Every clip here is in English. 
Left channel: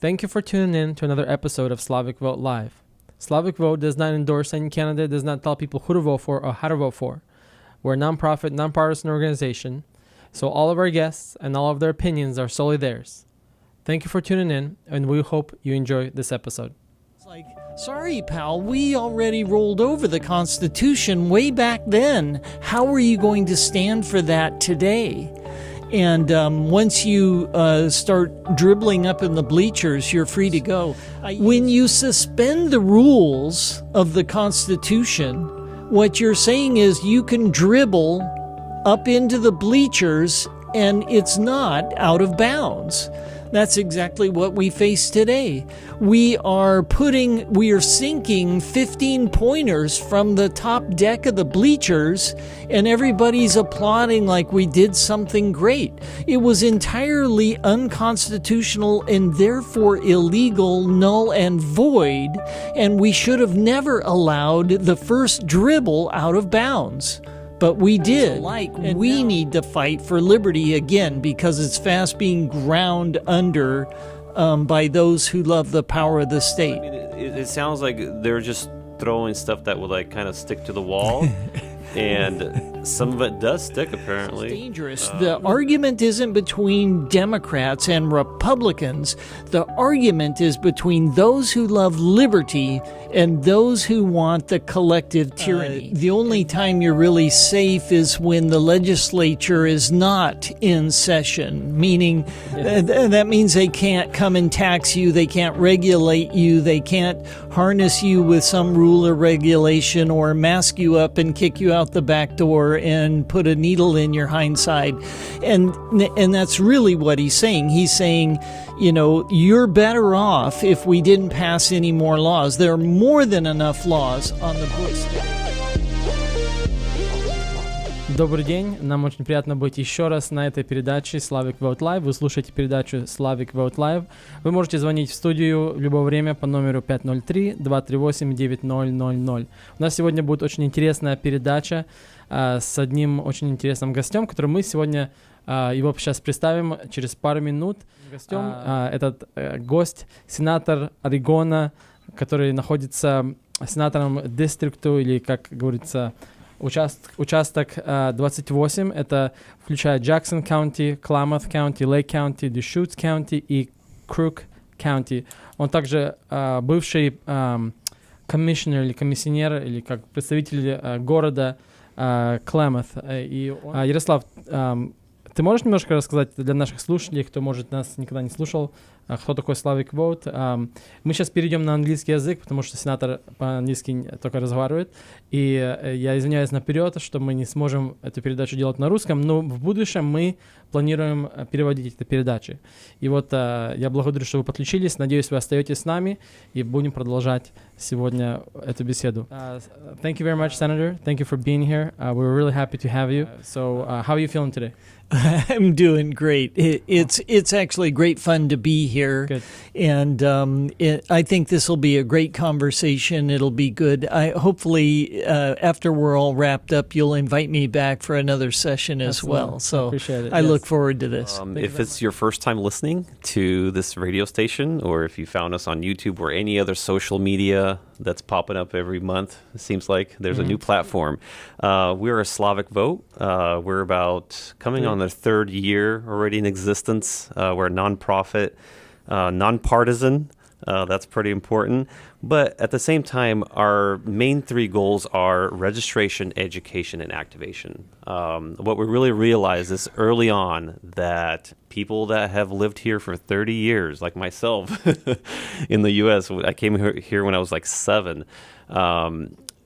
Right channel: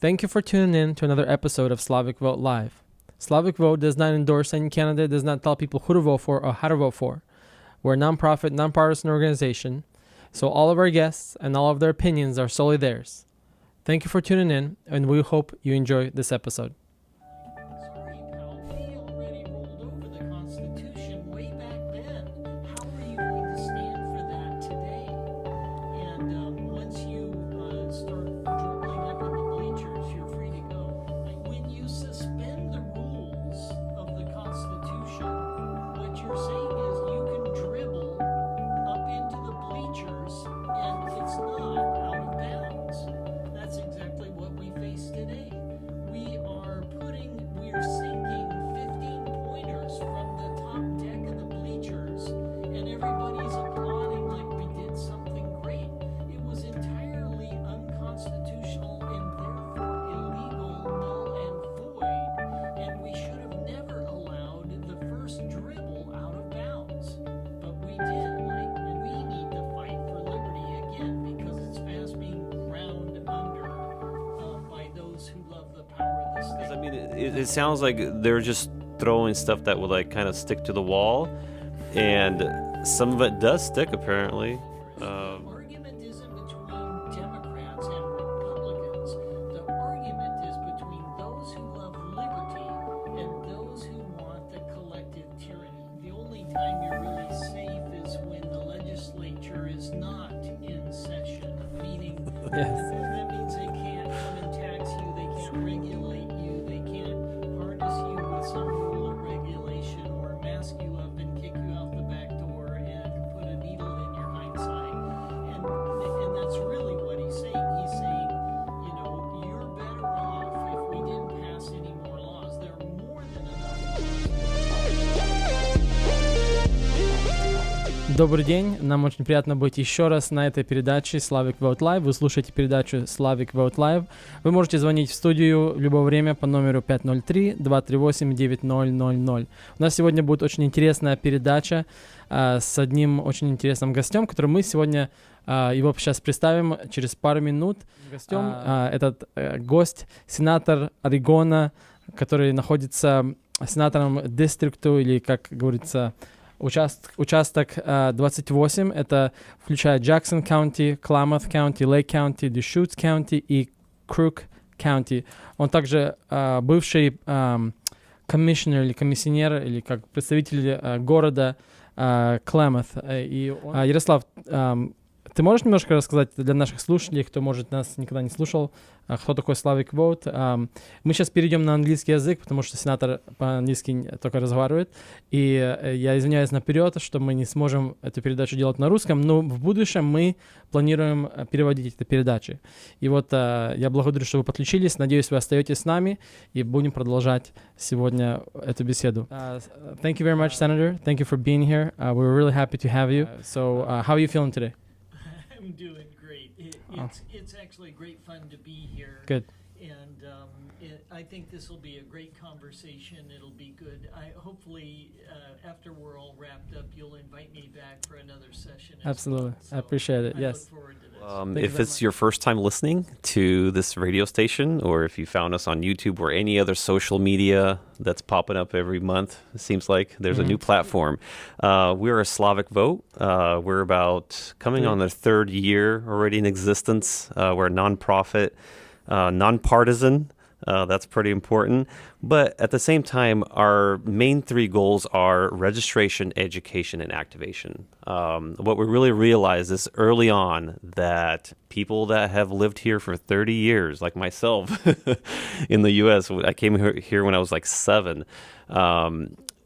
Thank you for tuning in to another episode of Slavic Vote Live. Slavic Vote does not endorse any candidate, does not tell people who to vote for or how to vote for. We're a non-profit, non-partisan organization, so all of our guests and all of their opinions are solely theirs. Thank you for tuning in, and we hope you enjoy this episode. Sorry, pal, we already rolled over the Constitution way back then. How are you going to stand for that today? And once you start dribbling up in the bleachers, you're free to go. When you suspend the rules of the Constitution, what you're saying is you can dribble up into the bleachers and it's not out of bounds. That's exactly what we face today. We are sinking 15 pointers from the top deck of the bleachers, and everybody's applauding like we did something great. It was entirely unconstitutional and therefore illegal, null and void, and we should have never allowed the first dribble out of bounds. But we did, and we need to fight for liberty again because it's fast being ground under by those who love the power of the state. I mean, it sounds like they're just throwing stuff that would kind of stick to the wall, and some of it does stick apparently. It's dangerous. The argument isn't between Democrats and Republicans. The argument is between those who love liberty and those who want the collective tyranny. The only time you're really safe is when the legislature is not in session, meaning that means they can't come and tax you, they can't regulate you, they can't harness you with some rule or regulation or mask you up and kick you out the back door and put a needle in your hindside. And that's really what he's saying. He's saying, you know, you're better off if we didn't pass any more laws. There are more than enough laws on the books. Добрый день, нам очень приятно быть еще раз на этой передаче Slavic Vote Live. Вы слушаете передачу Slavic Vote Live. Вы можете звонить в студию в любое время по номеру 503-238-9000. У нас сегодня будет очень интересная передача с одним очень интересным гостем, который мы сегодня его сейчас представим через пару минут. Гостем этот гость, сенатор Орегона, который находится сенатором дистрикту, или, как говорится, участок 28. Это включает Джексон County, Klamath County, Lake County, Deschutes County и Crook County. Он также бывший комиссионер или комиссионер, или как представитель города Klamath. И Ярослав, ты можешь немножко рассказать для наших слушателей, кто, может, нас никогда не слушал, кто такой Slavic Vote? Мы сейчас перейдем на английский язык, потому что сенатор по-английски только разговаривает. И я извиняюсь наперед, что мы не сможем эту передачу делать на русском, но в будущем мы планируем переводить эти передачи. И вот я благодарю, что вы подключились. Надеюсь, вы остаетесь с нами и будем продолжать сегодня эту беседу. Thank you very much, Senator. Thank you for being here. We're really happy to have you. So how are you feeling today? I'm doing great. It's actually great fun to be here. Good. And I think this will be a great conversation. It'll be good. Hopefully, after we're all wrapped up, you'll invite me back for another session as well. So I appreciate it. I look forward to this. If it's your first time listening to this radio station, or if you found us on YouTube or any other social media that's popping up every month, it seems like there's a new platform. We're a Slavic Vote. We're about coming on the third year already in existence. We're a nonprofit, nonpartisan. That's pretty important. But at the same time, our main three goals are registration, education, and activation. What we really realized is early on that people that have lived here for 30 years, like myself in the U.S., I came here when I was like 7,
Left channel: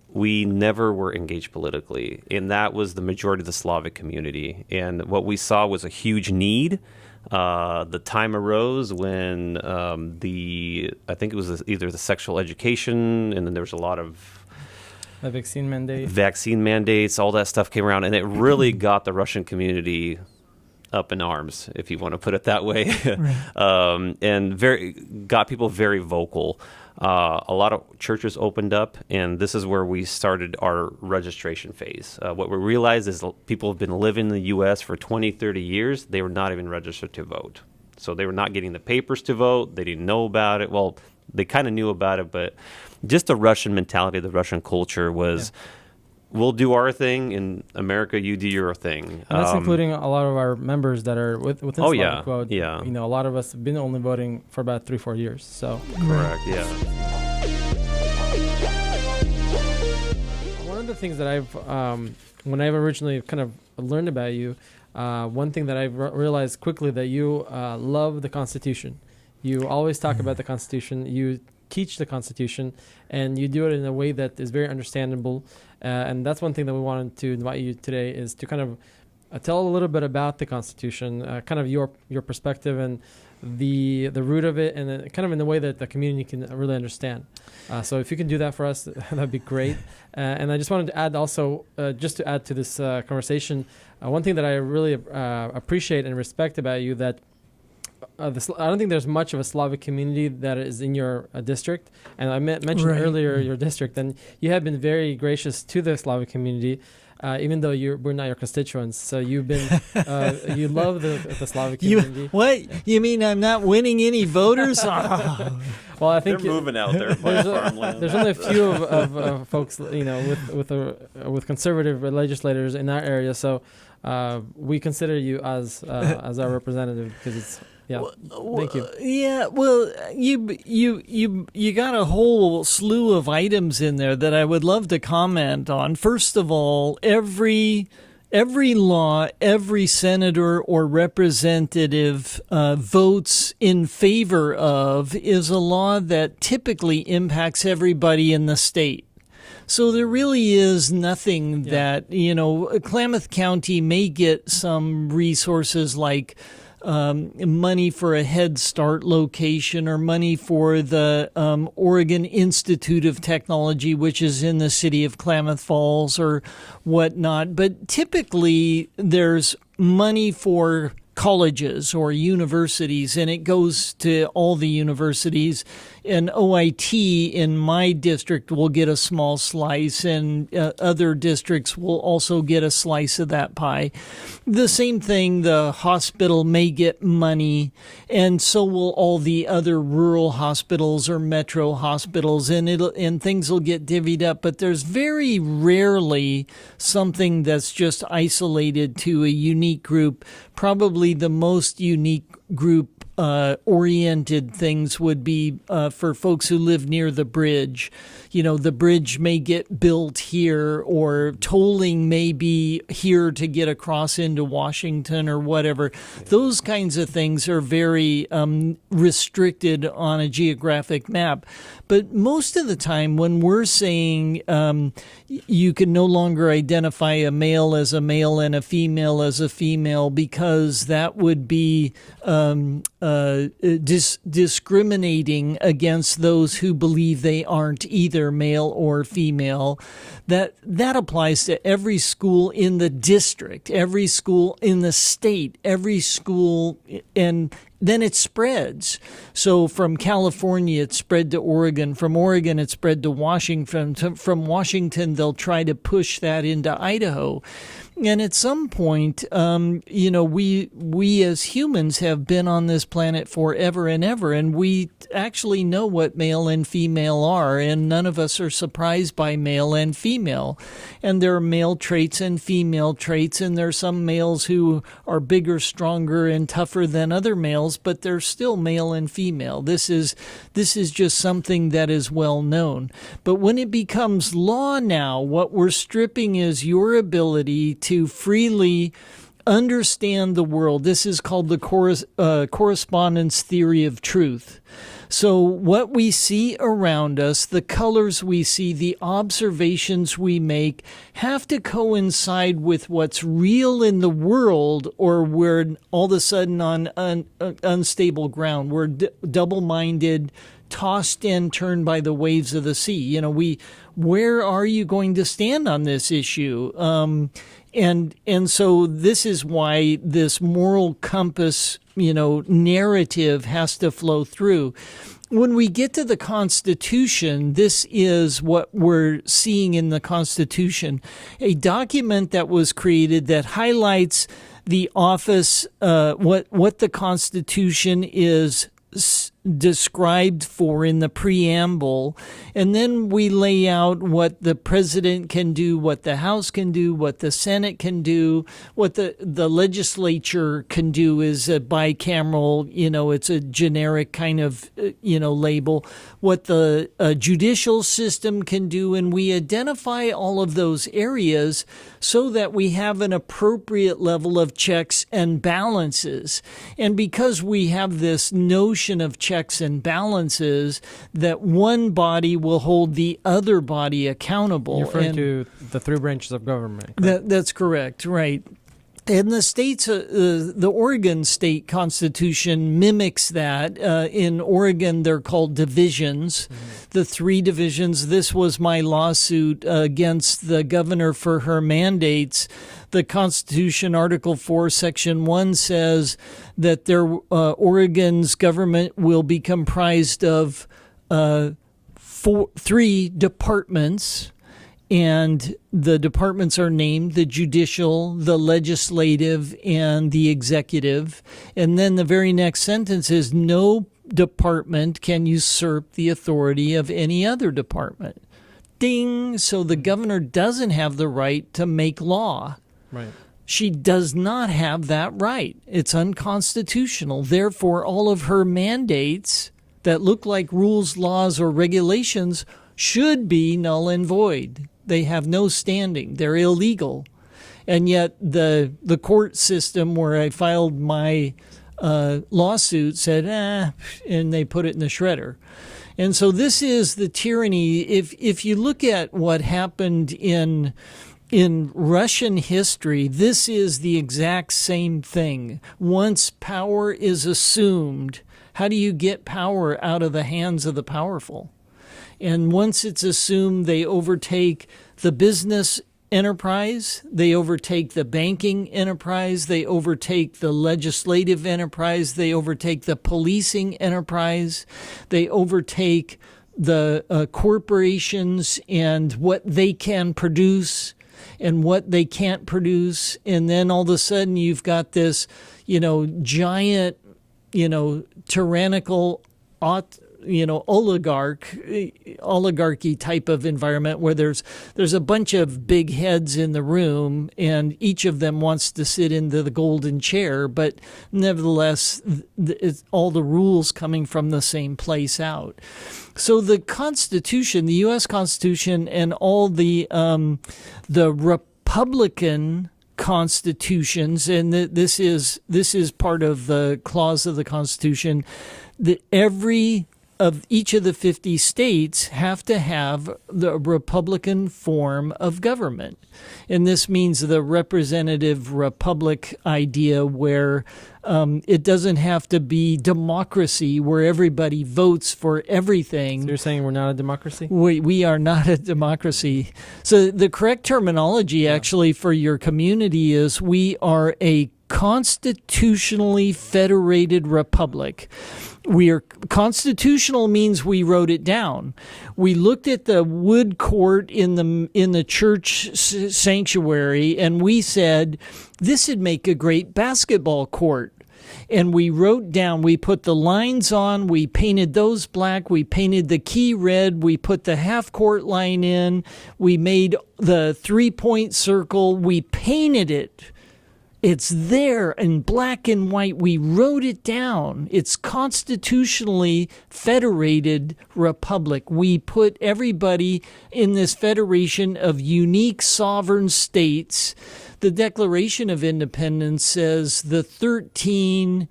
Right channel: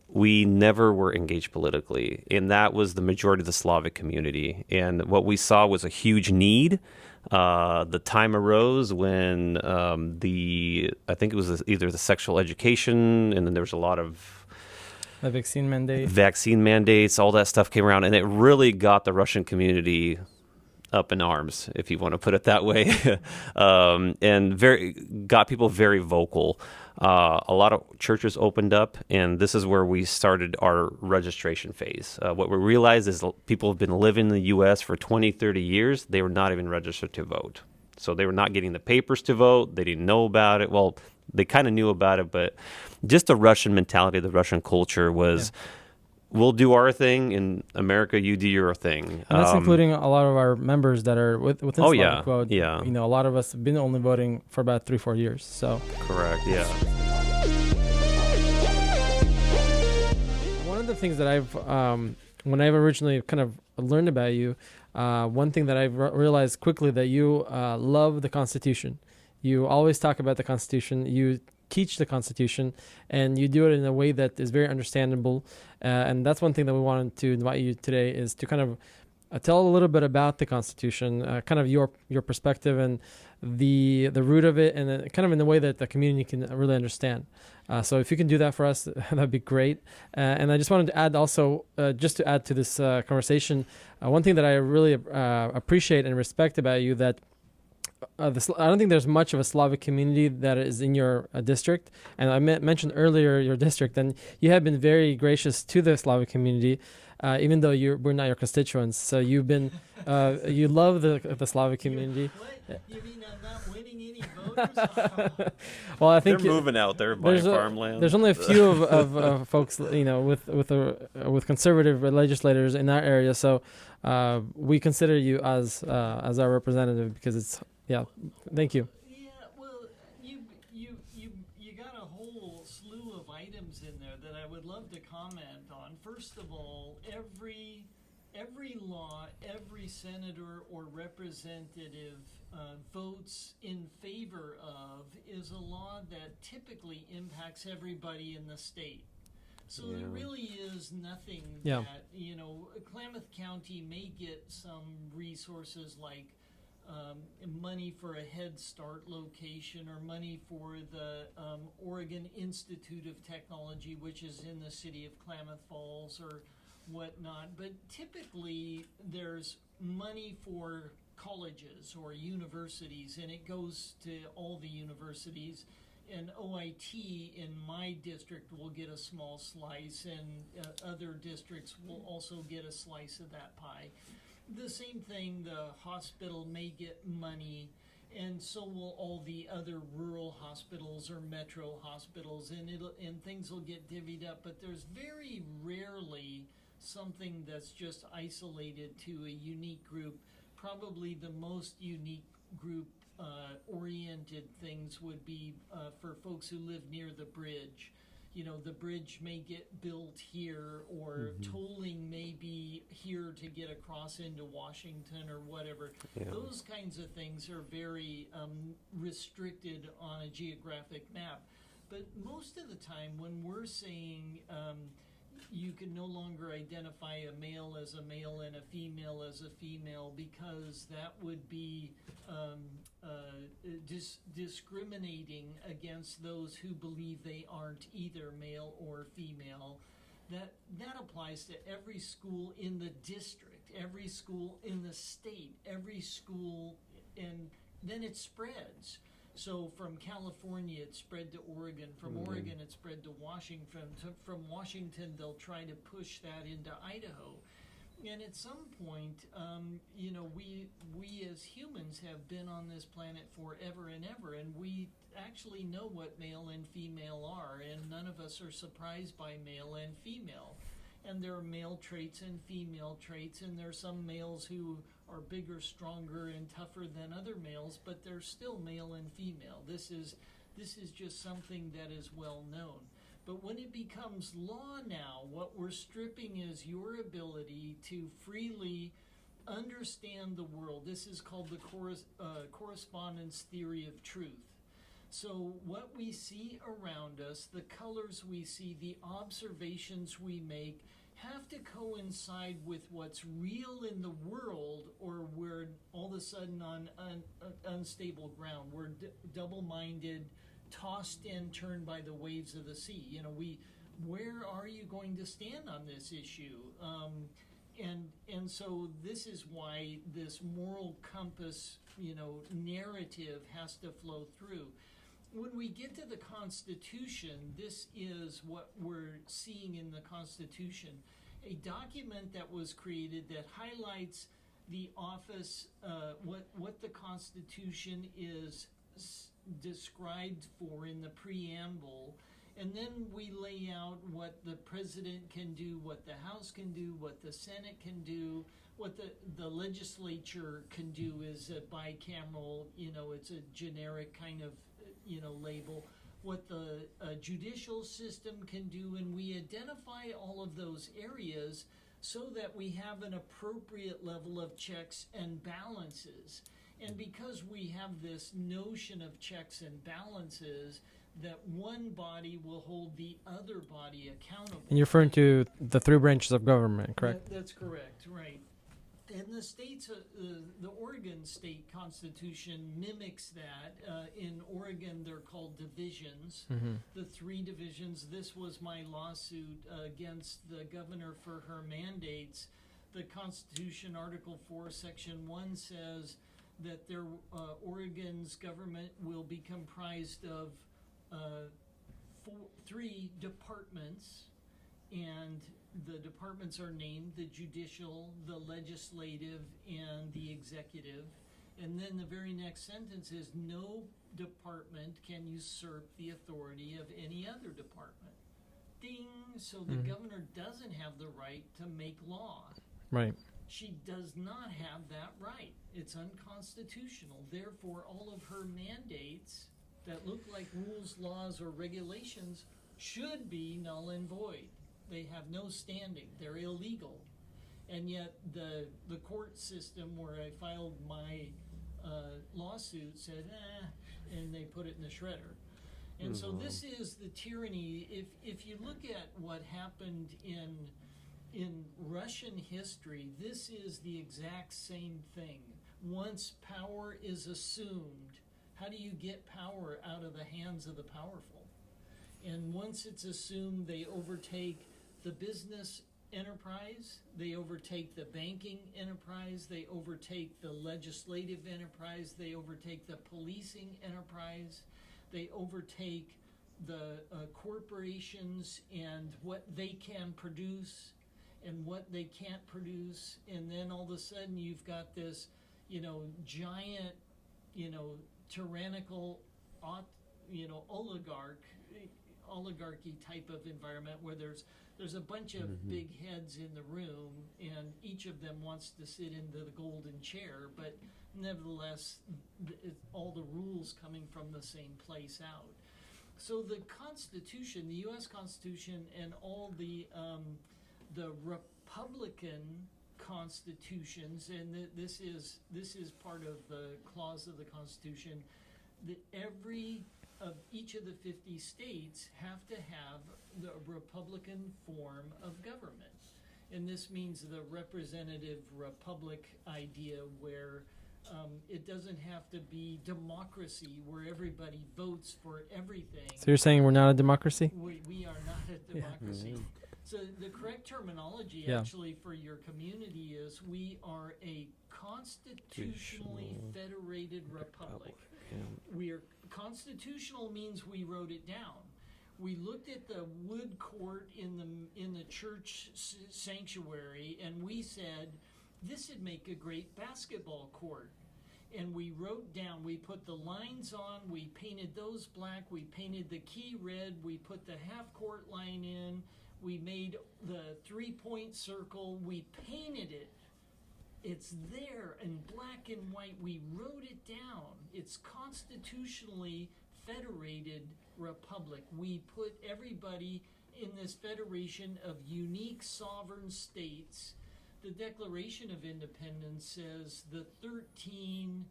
we never were engaged politically. And that was the majority of the Slavic community. And what we saw was a huge need. The time arose when I think it was either the sexual education, and then there was a lot of vaccine mandates, all that stuff came around, and it really got the Russian community up in arms, if you want to put it that way, and got people very vocal. A lot of churches opened up, and this is where we started our registration phase. What we realized is people have been living in the U.S. for 20, 30 years. They were not even registered to vote. So they were not getting the papers to vote. They didn't know about it. Well, they kind of knew about it, but just the Russian mentality, the Russian culture was, we'll do our thing in America, you do your thing. And that's including a lot of our members that are within Slavic Vote. Yeah. You know, a lot of us have been only voting for about 3-4 years. So correct, yeah. One of the things that I've, when I've originally kind of learned about you, one thing that I've realized quickly that you love the Constitution. You always talk about the Constitution. You teach the Constitution, and you do it in a way that is very understandable. And that's one thing that we wanted to invite you today is to kind of tell a little bit about the Constitution, kind of your perspective and the root of it, and kind of in the way that the community can really understand. So if you can do that for us, that'd be great. And I just wanted to add also, just to add to this conversation, one thing that I really appreciate and respect about you, that I don't think there's much of a Slavic community that is in your district. And I mentioned earlier your district, and you have been very gracious to the Slavic community, even though we're not your constituents. So you've been, you love the Slavic community. You mean I'm not winning any voters? Well, I think they're moving out there buying farmland. There's only a few of folks, you know, with conservative legislators in our area. So we consider you as our representative because it's. Yeah, thank you. Yeah, well, you got a whole slew of items in there that I would love to comment on. First of all, every law, every senator or representative votes in favor of is a law that typically impacts everybody in the state. So there really is nothing that, you know, Klamath County may get some resources like money for a Head Start location or money for the Oregon Institute of Technology, which is in the city of Klamath Falls or whatnot. But typically there's money for colleges or universities, and it goes to all the universities. And OIT in my district will get a small slice, and other districts will also get a slice of that pie. The same thing, the hospital may get money, and so will all the other rural hospitals or metro hospitals, and things will get divvied up. But there's very rarely something that's just isolated to a unique group. Probably the most unique group oriented things would be for folks who live near the bridge. You know, the bridge may get built here, or tolling may be here to get across into Washington or whatever. Yeah. Those kinds of things are very restricted on a geographic map. But most of the time when we're saying you can no longer identify a male as a male and a female as a female because that would be discriminating against those who believe they aren't either male or female, that applies to every school in the district, every school in the state, every school, and then it spreads. So from California, it spread to Oregon. From Oregon, it spread to Washington. From Washington, they'll try to push that into Idaho. And at some point, you know, we as humans have been on this planet forever and ever, and we actually know what male and female are, and none of us are surprised by male and female. And there are male traits and female traits, and there are some males who are bigger, stronger, and tougher than other males, but they're still male and female. This is just something that is well known. But when it becomes law now, what we're stripping is your ability to freely understand the world. This is called the correspondence theory of truth. So what we see around us, the colors we see, the observations we make have to coincide with what's real in the world, or we're all of a sudden on unstable ground. We're double-minded, tossed and turned by the waves of the sea. You know, where are you going to stand on this issue? And so this is why this moral compass, you know, narrative has to flow through. When we get to the Constitution, this is what we're seeing in the Constitution, a document that was created that highlights the office, what the Constitution is described for in the preamble, and then we lay out what the president can do, what the House can do, what the Senate can do, what the legislature can do is a bicameral, it's a generic kind of, label, what the judicial system can do, and we identify all of those areas so that we have an appropriate level of checks and balances. And because we have this notion of checks and balances, that one body will hold the other body accountable. You're referring to the three branches of government, correct? That's correct, right. And the states, the Oregon state constitution mimics that. In Oregon, they're called divisions, the three divisions. This was my lawsuit against the governor for her mandates. The Constitution, Article 4, Section 1 says that Oregon's government will be comprised of three departments. And the departments are named the judicial, the legislative, and the executive. And then the very next sentence is no department can usurp the authority of any other department. Ding! So the governor doesn't have the right to make law. Right. She does not have that right. It's unconstitutional. Therefore, all of her mandates that look like rules, laws, or regulations should be null and void. They have no standing. They're illegal. And yet the court system where I filed my lawsuit said, and they put it in the shredder. And so this is the tyranny. If you look at what happened in Russian history, this is the exact same thing. Once power is assumed, how do you get power out of the hands of the powerful? And once it's assumed, they overtake the business enterprise, they overtake the banking enterprise, they overtake the legislative enterprise, they overtake the policing enterprise, they overtake the corporations and what they can produce and what they can't produce. And then all of a sudden you've got this, giant, tyrannical oligarchy type of environment where there's a bunch of big heads in the room and each of them wants to sit into the golden chair, but nevertheless it's all the rules coming from the same place out. So the Constitution, the U.S. Constitution, and all the Republican constitutions, and this is part of the clause of the Constitution, that each of the 50 states have to have the Republican form of government. And this means the representative republic idea where it doesn't have to be democracy where everybody votes for everything. So you're saying we're not a democracy? We are not a democracy. So the correct terminology actually for your community is we are a constitutionally federated republic. We are constitutional means we wrote it down. We looked at the wood court in the church sanctuary and we said this would make a great basketball court. And we wrote down, we put the lines on, we painted those black, we painted the key red, we put the half court line in, we made the 3-point circle, we painted it. It's there in black and white. We wrote it down. It's constitutionally federated republic. We put everybody in this federation of unique sovereign states. The Declaration of Independence says the 13,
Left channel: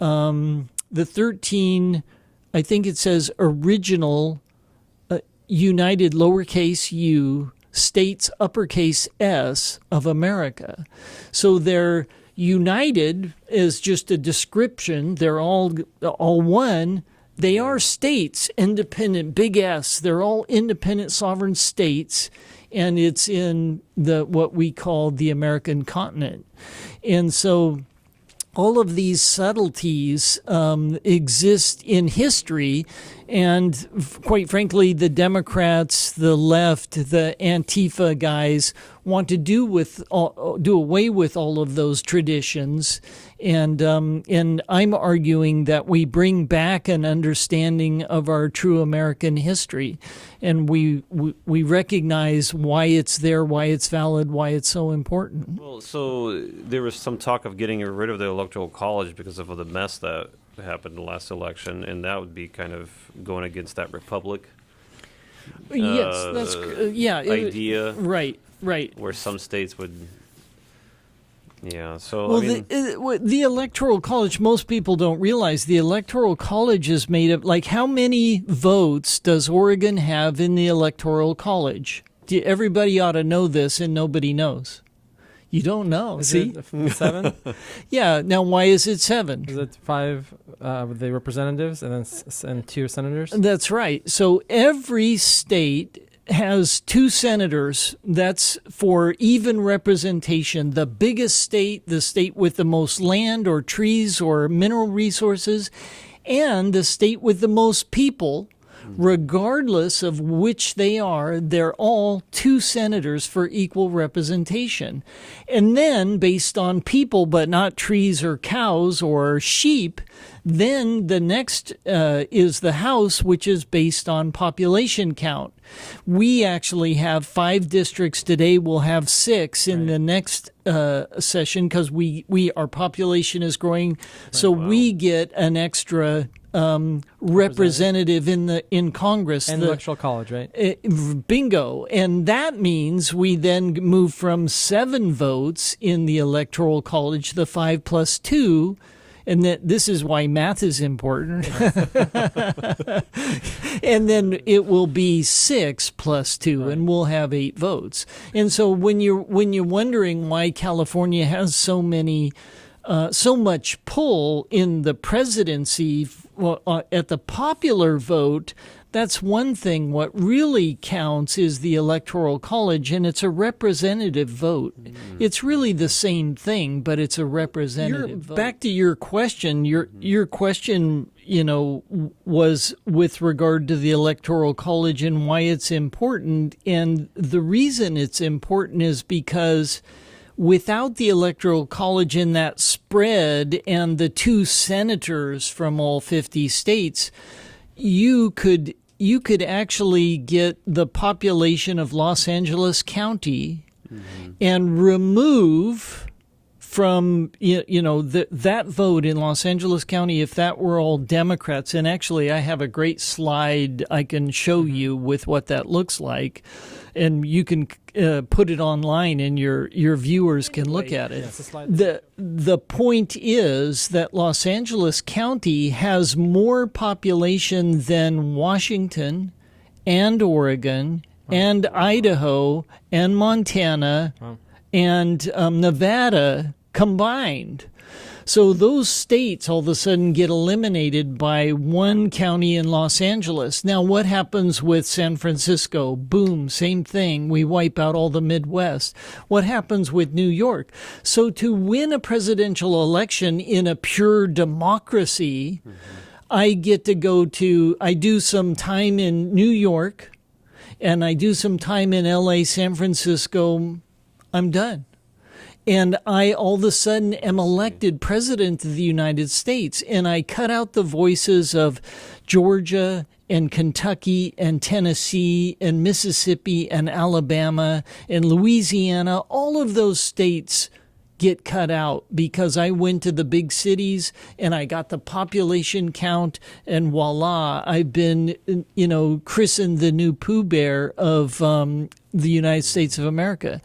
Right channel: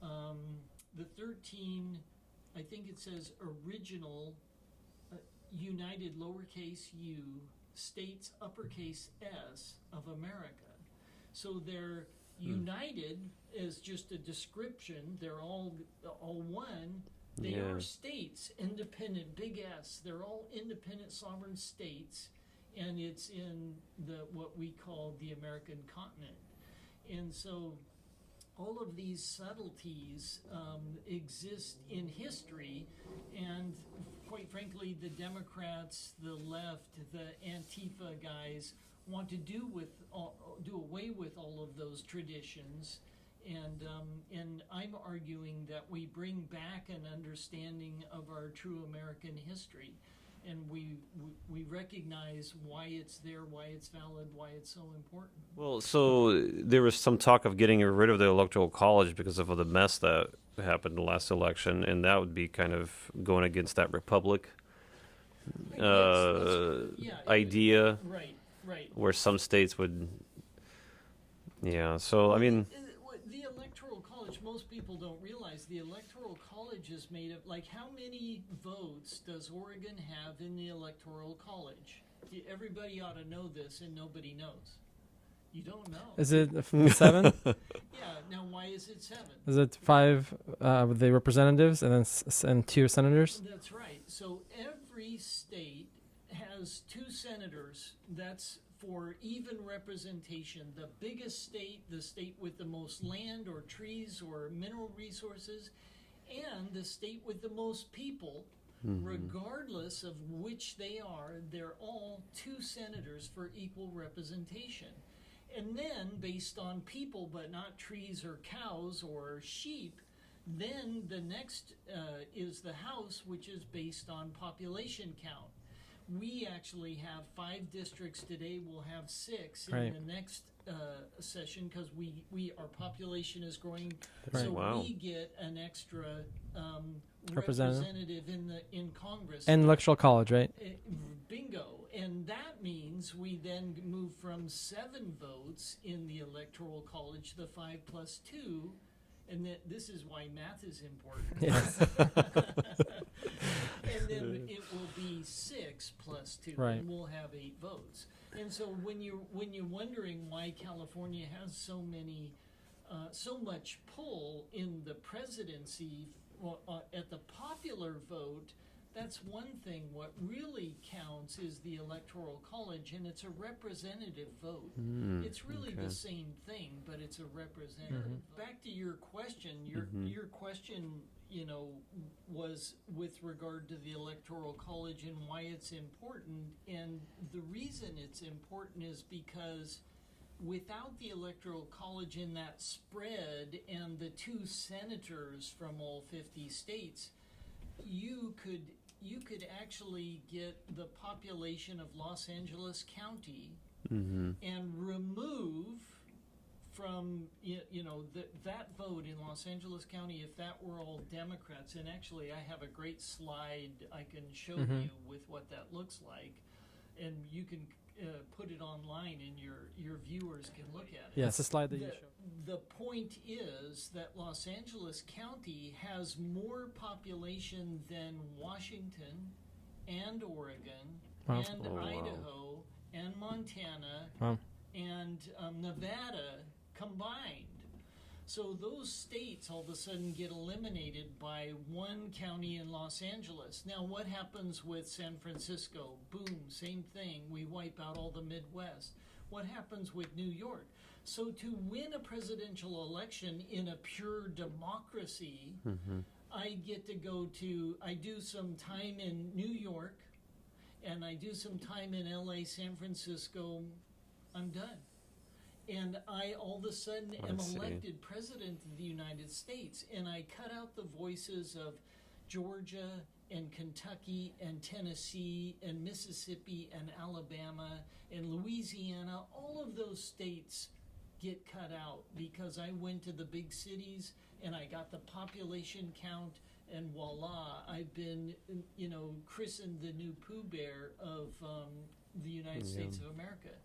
I think it says original united lowercase u states uppercase S of America. So they're united is just a description. They're all one. They are states, independent, big S. They're all independent sovereign states, and it's in what we call the American continent. And so all of these subtleties exist in history, and quite frankly, the Democrats, the left, the Antifa guys want to do away with all of those traditions. And I'm arguing that we bring back an understanding of our true American history, and we recognize why it's there, why it's valid, why it's so important. Well, so there was some talk of getting rid of the Electoral College because of the mess that happened in the last election, and that would be kind of going against that republic idea. Right. Where some states would... Yeah, so well, I mean... The Electoral College, most people don't realize the Electoral College is made of, like, how many votes does Oregon have in the Electoral College? Everybody ought to know this, and nobody knows. You don't know. Is it 7? Yeah, now why is it 7? Is it 5 with the representatives and then 2 senators? That's right. So every state has 2 senators. That's for even representation. The biggest state, the state with the most land or trees or mineral resources, and the state with the most people, regardless of which they are, they're all 2 senators for equal representation. And then, based on people, but not trees or cows or sheep, then the next is the House, which is based on population count. We actually have 5 districts today. We'll have 6 in the next session because our population is growing. Right. So we get an extra representative in Congress. And Electoral College, right? Bingo. And that means we then move from 7 votes in the Electoral College, the 5 plus 2, and that this is why math is important. And then it will be 6 plus 2, right, and we'll have 8 votes. And so when you're wondering why California has so much pull in the presidency at the popular vote, that's one thing. What really counts is the Electoral College, and it's a representative vote. It's really the same thing, but it's a representative vote. Back to your question, your question, was with regard to the Electoral College and why it's important. And the reason it's important is because without the Electoral College and that spread and the 2 senators from all 50 states, you could actually get the population of Los Angeles County and remove from that vote in Los Angeles County, if that were all Democrats. And actually, I have a great slide I can show you with what that looks like, and you can put it online, and your viewers can look at it. Yeah, it's a slide. The point is that Los Angeles County has more population than Washington and Oregon and Idaho and Montana and Nevada combined. So those states all of a sudden get eliminated by 1 county in Los Angeles. Now, what happens with San Francisco? Boom, same thing. We wipe out all the Midwest. What happens with New York? So to win a presidential election in a pure democracy, I get to I do some time in New York, and I do some time in LA, San Francisco. I'm done. And I all of a sudden am elected president of the United States, and I cut out the voices of Georgia and Kentucky and Tennessee and Mississippi and Alabama and Louisiana. All of those states get cut out because I went to the big cities and I got the population count, and voila, I've been, christened the new Pooh Bear of the United States of America.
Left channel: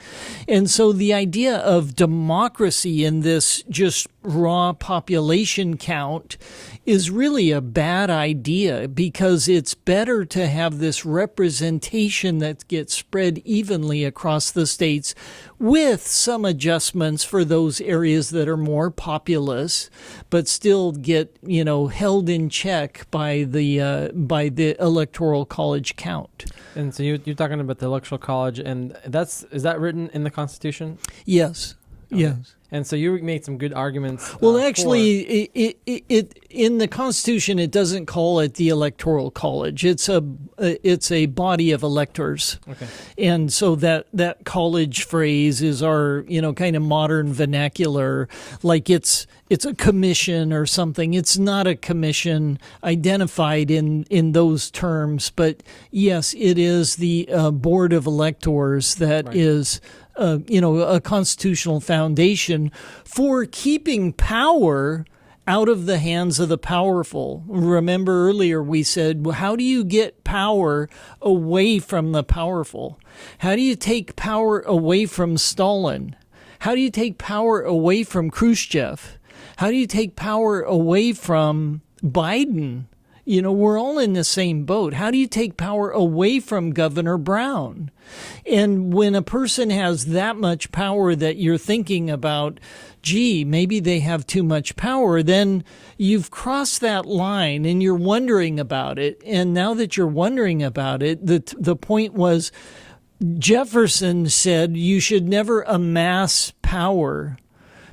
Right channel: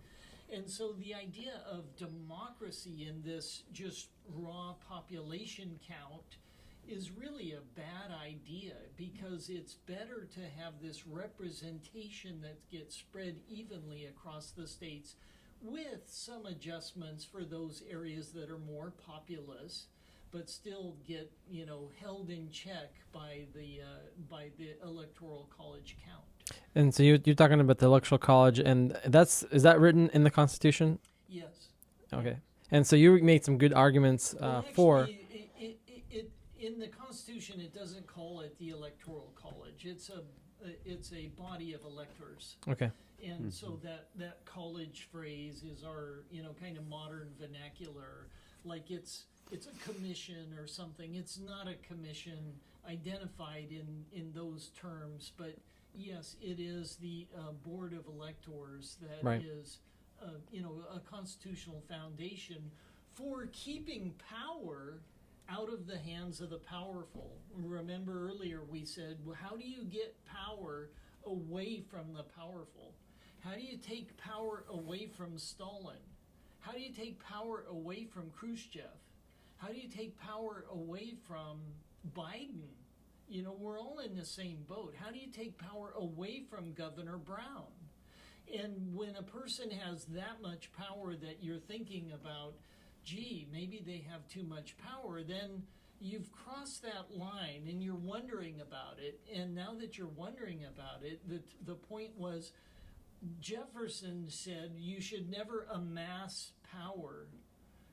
And so the idea of democracy in this just raw population count is really a bad idea, because it's better to have this representation that gets spread evenly across the states with some adjustments for those areas that are more populous, but still get, held in check by the Electoral College count. And so you're talking about the Electoral College, and is that written in the Constitution? Yes. Okay. Yes. And so you made some good arguments. Well, actually, it in the Constitution, it doesn't call it the Electoral College. It's a body of electors. Okay. And so that college phrase is our, kind of modern vernacular, like it's a commission or something. It's not a commission identified in those terms, but yes, it is the board of electors that is a constitutional foundation for keeping power out of the hands of the powerful. Remember earlier we said, well, how do you get power away from the powerful? How do you take power away from Stalin? How do you take power away from Khrushchev? How do you take power away from Biden? We're all in the same boat. How do you take power away from Governor Brown? And when a person has that much power that you're thinking about, gee, maybe they have too much power, then you've crossed that line and you're wondering about it. And now that you're wondering about it, the point was Jefferson said you should never amass power,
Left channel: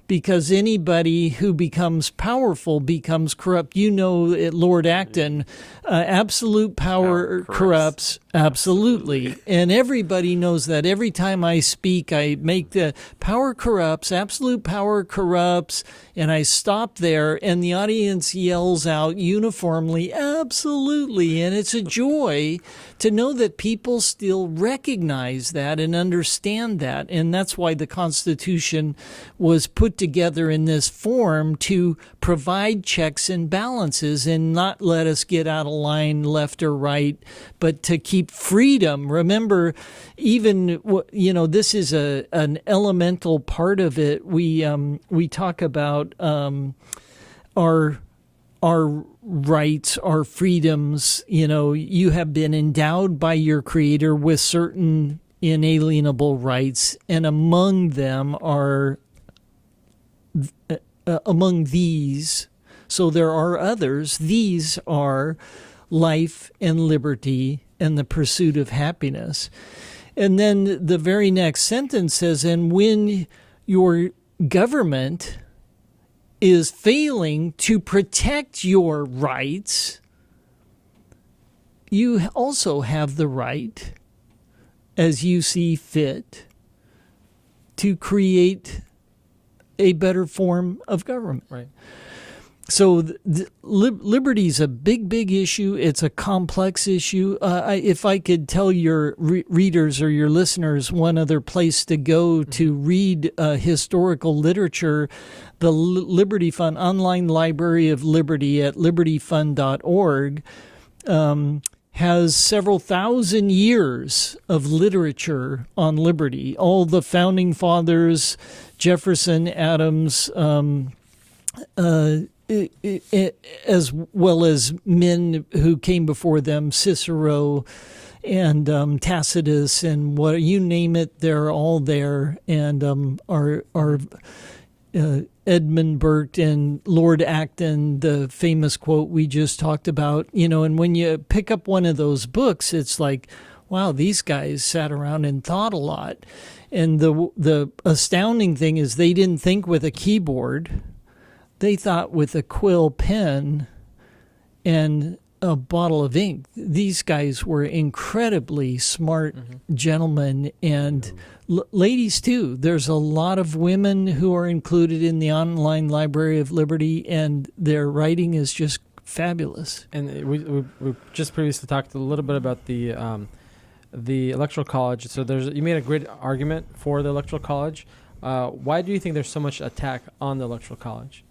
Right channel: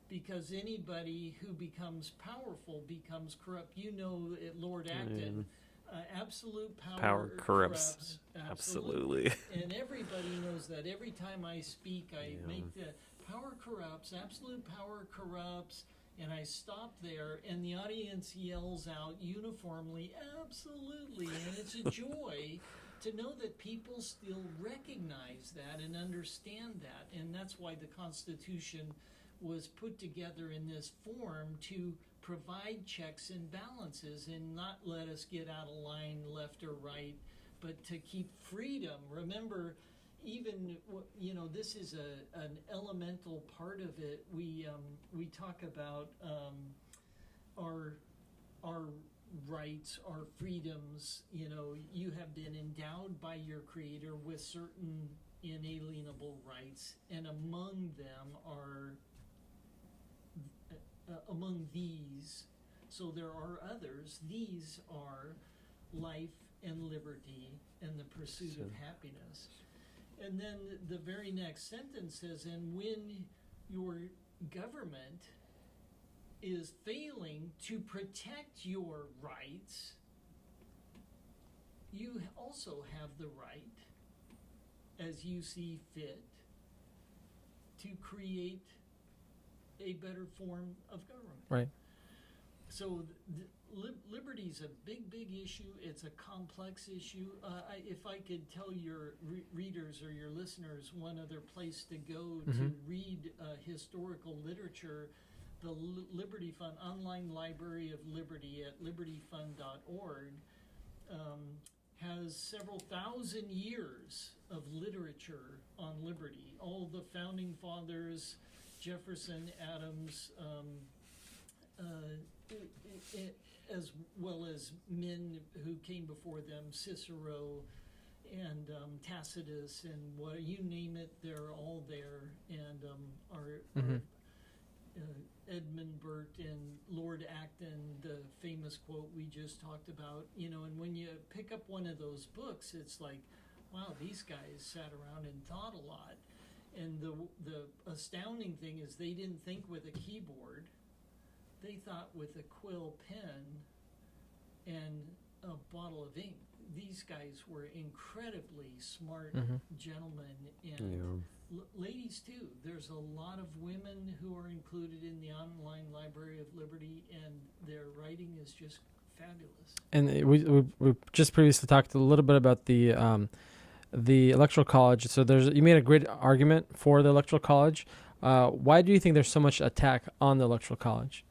because anybody who becomes powerful becomes corrupt. Lord Acton, absolute power corrupts. Absolutely. And everybody knows that. Every time I speak, I make the power corrupts, absolute power corrupts, and I stop there, and the audience yells out uniformly, absolutely. And it's a joy to know that people still recognize that and understand that. And that's why the Constitution was put together in this form, to provide checks and balances and not let us get out of line left or right, but to keep freedom. Remember, even, this is an elemental part of it. We talk about our rights, our freedoms. You have been endowed by your Creator with certain inalienable rights, and among them are among these, so there are others, these are life and liberty and the pursuit of happiness. And then the very next sentence says, and when your government is failing to protect your rights, you also have the right, as you see fit, to create a better form of government. Right. So liberty is a big, big issue. It's a complex issue. If I could tell your readers or your listeners one other place to go to read historical literature, the Liberty Fund, Online Library of Liberty at libertyfund.org, has several thousand years of literature on liberty. All the founding fathers, Jefferson, Adams, as well as men who came before them, Cicero and Tacitus, and what you name it, they're all there. And our Edmund Burke and Lord Acton, the famous quote we just talked about, and when you pick up one of those books, it's like, wow, these guys sat around and thought a lot. And the astounding thing is they didn't think with a keyboard. They thought with a quill pen and a bottle of ink. These guys were incredibly smart gentlemen, and ladies too. There's a lot of women who are included in the Online Library of Liberty, and their writing is just fabulous. And we just previously talked a little bit about the Electoral College. So you made a great argument for the Electoral College. Why do you think there's so much attack on the Electoral College?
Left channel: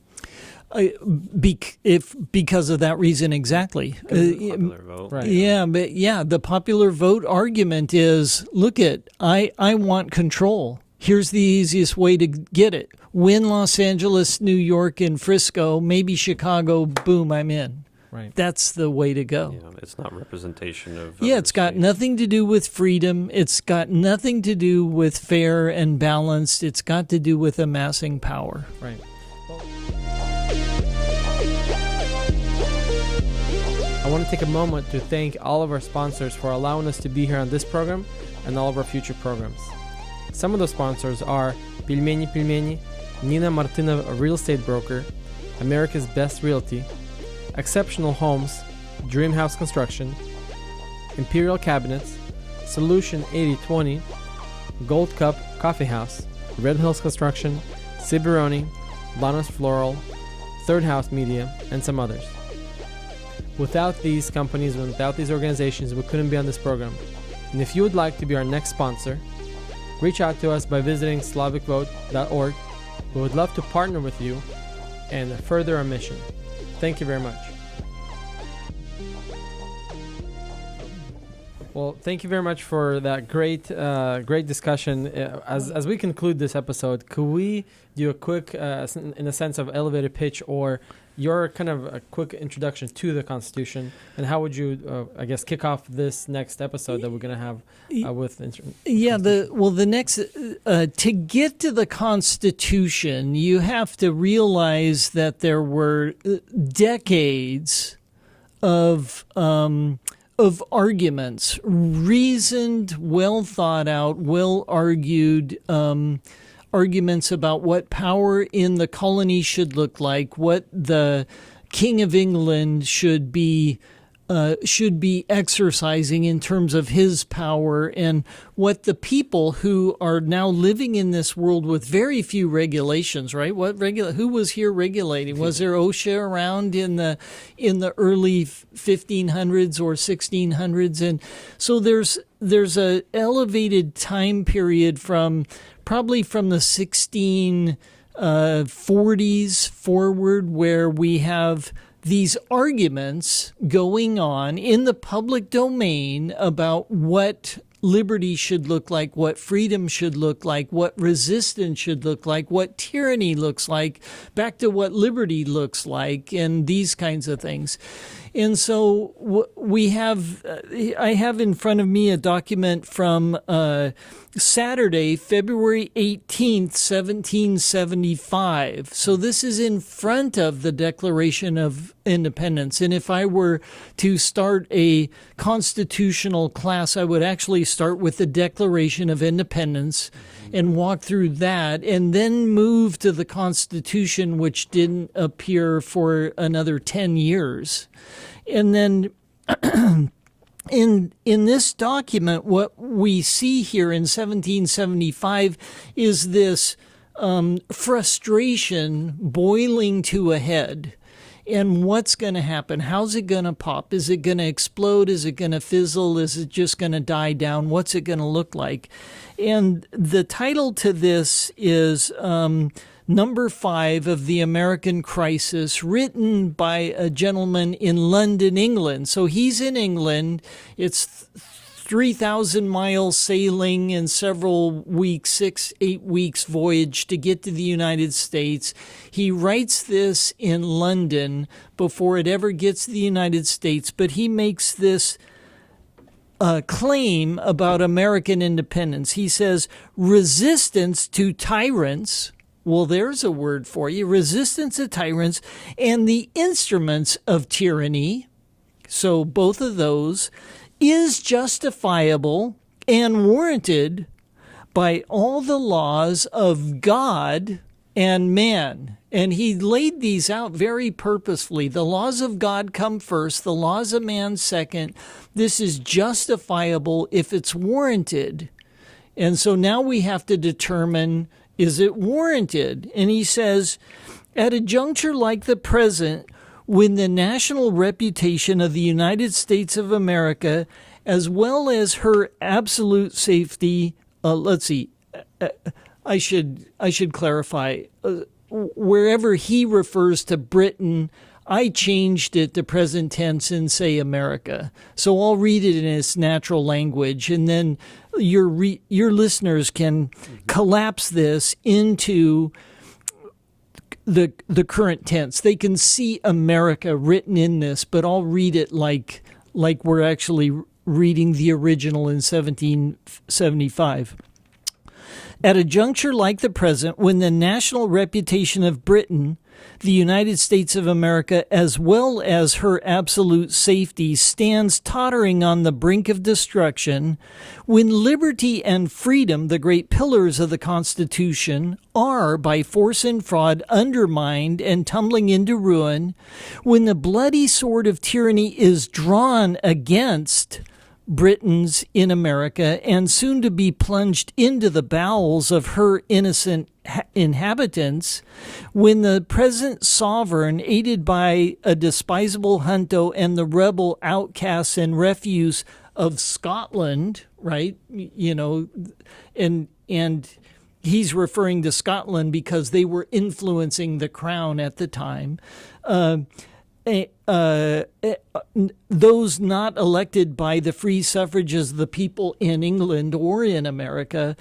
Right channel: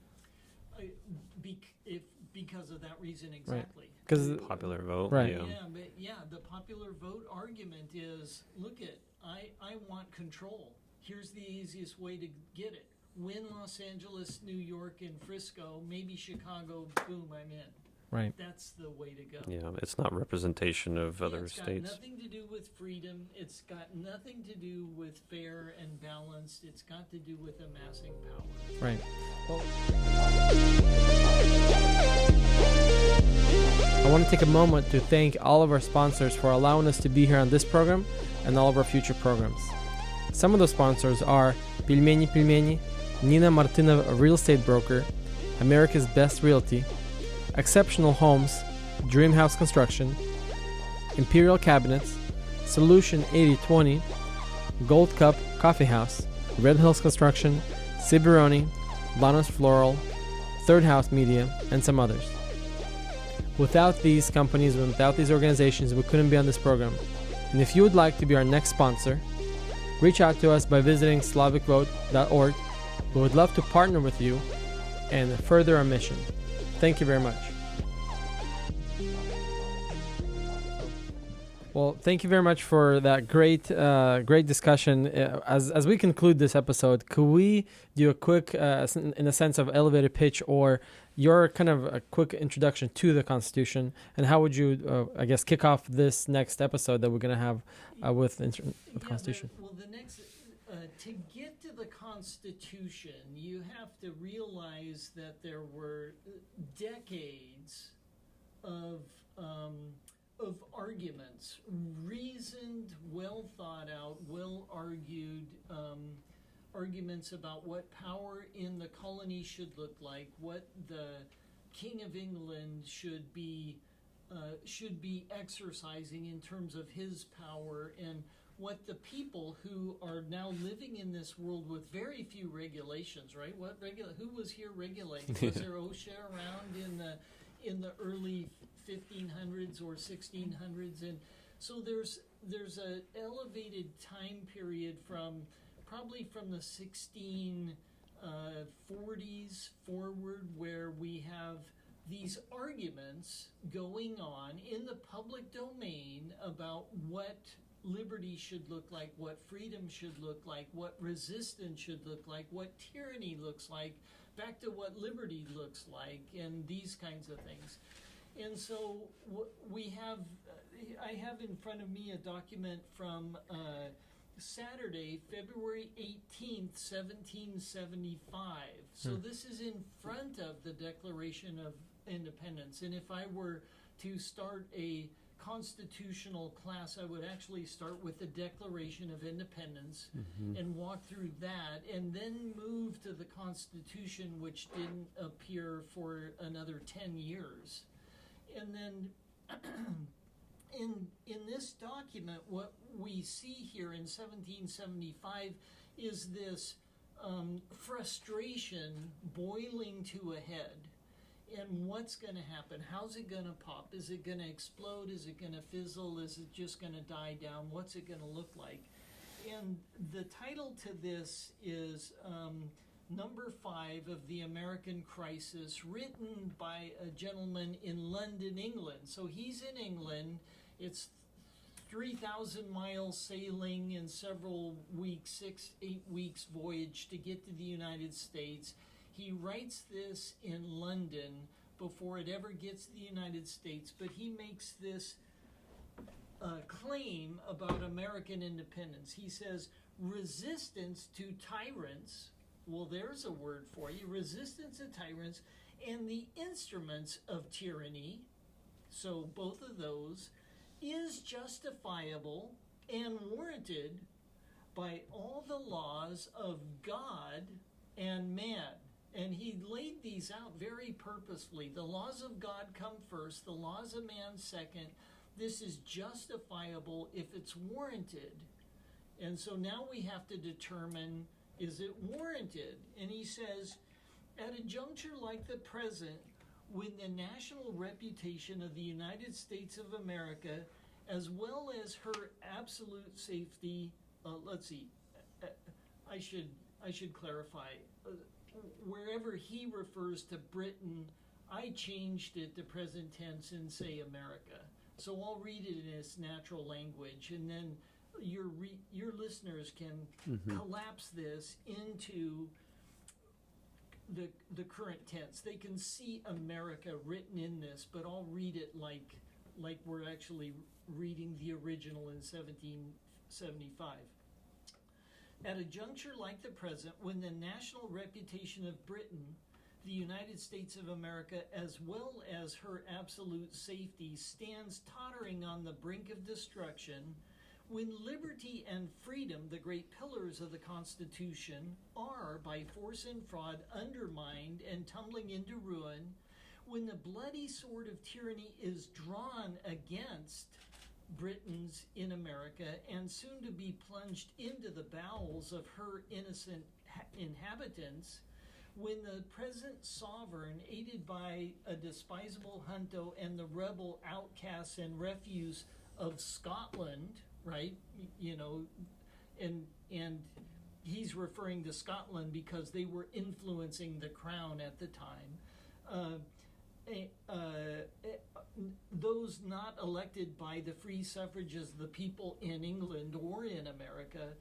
Because of that reason exactly. Because of the popular vote. Right. Yeah, the popular vote argument is, look I want control. Here's the easiest way to get it. Win Los Angeles, New York, and Frisco, maybe Chicago, boom, I'm in. Right. That's the way to go. Yeah, it's not representation of it's got states. Nothing to do with freedom. It's got nothing to do with fair and balanced. It's got to do with amassing power. Right. I want to take a moment to thank all of our sponsors for allowing us to be here on this program and all of our future programs. Some of those sponsors are Пельмени, Nina Martinov, a real estate broker, America's Best Realty, Exceptional Homes, Dream House Construction, Imperial Cabinets, Solution 8020, Gold Cup Coffee House, Red Hills Construction, Ciberoni, Lanos Floral, Third House Media, and some others. Without these companies, without these organizations, we couldn't be on this program. And if you would like to be our next sponsor, reach out to us by visiting SlavicVote.org. We would love to partner with you and further our mission. Thank you very much. Well, thank you very much for that great discussion. As we conclude this episode, could we do a quick, in a sense of elevator pitch, or your kind of a quick introduction to the Constitution, and how would you, kick off this next episode that we're going to have with the next to get to the Constitution, you have to realize that there were decades of arguments, reasoned, well thought out, well argued arguments about what power in the colony should look like, what the King of England should be exercising in terms of his power, and what the people who are now living in this world with very few regulations, right? Who was here regulating? Was there OSHA around in the early 1500s or 1600s? And so there's a elevated time period probably from the 1640s forward, where we have these arguments going on in the public domain about what liberty should look like, what freedom should look like, what resistance should look like, what tyranny looks like, back to what liberty looks like, and these kinds of things. And so I have in front of me a document from Saturday, February 18th, 1775. So this is in front of the Declaration of Independence. And if I were to start a constitutional class, I would actually start with the Declaration of Independence and walk through that, and then move to the Constitution, which didn't appear for another 10 years. And then in this document, what we see here in 1775 is this frustration boiling to a head. And what's going to happen? How's it going to pop? Is it going to explode? Is it going to fizzle? Is it just going to die down? What's it going to look like? And the title to this is Number 5 of the American Crisis, written by a gentleman in London, England. So he's in England. It's 3,000 miles sailing and several weeks, 6-8 weeks voyage to get to the United States. He writes this in London before it ever gets to the United States, but he makes this claim about American independence. He says, resistance to tyrants. Well, there's a word for you. Resistance to tyrants and the instruments of tyranny, so both of those, is justifiable and warranted by all the laws of God and man. And he laid these out very purposefully. The laws of God come first, the laws of man second. This is justifiable if it's warranted. And so now we have to determine, is it warranted? And he says, at a juncture like the present, when the national reputation of the United States of America, as well as her absolute safety, I should clarify, wherever he refers to Britain, I changed it to present tense and say America. So I'll read it in its natural language, and then your listeners can collapse this into the current tense. They can see America written in this, but I'll read it like we're actually reading the original in 1775. At a juncture like the present, when the national reputation of Britain, the United States of America, as well as her absolute safety, stands tottering on the brink of destruction, when liberty and freedom, the great pillars of the Constitution, are, by force and fraud, undermined and tumbling into ruin, when the bloody sword of tyranny is drawn against Britons in America and soon to be plunged into the bowels of her innocent inhabitants, when the present sovereign, aided by a despisable junto and the rebel outcasts and refuse of Scotland, right? You know, and he's referring to Scotland because they were influencing the crown at the time. Those not elected by the free suffrages of the people in England or in America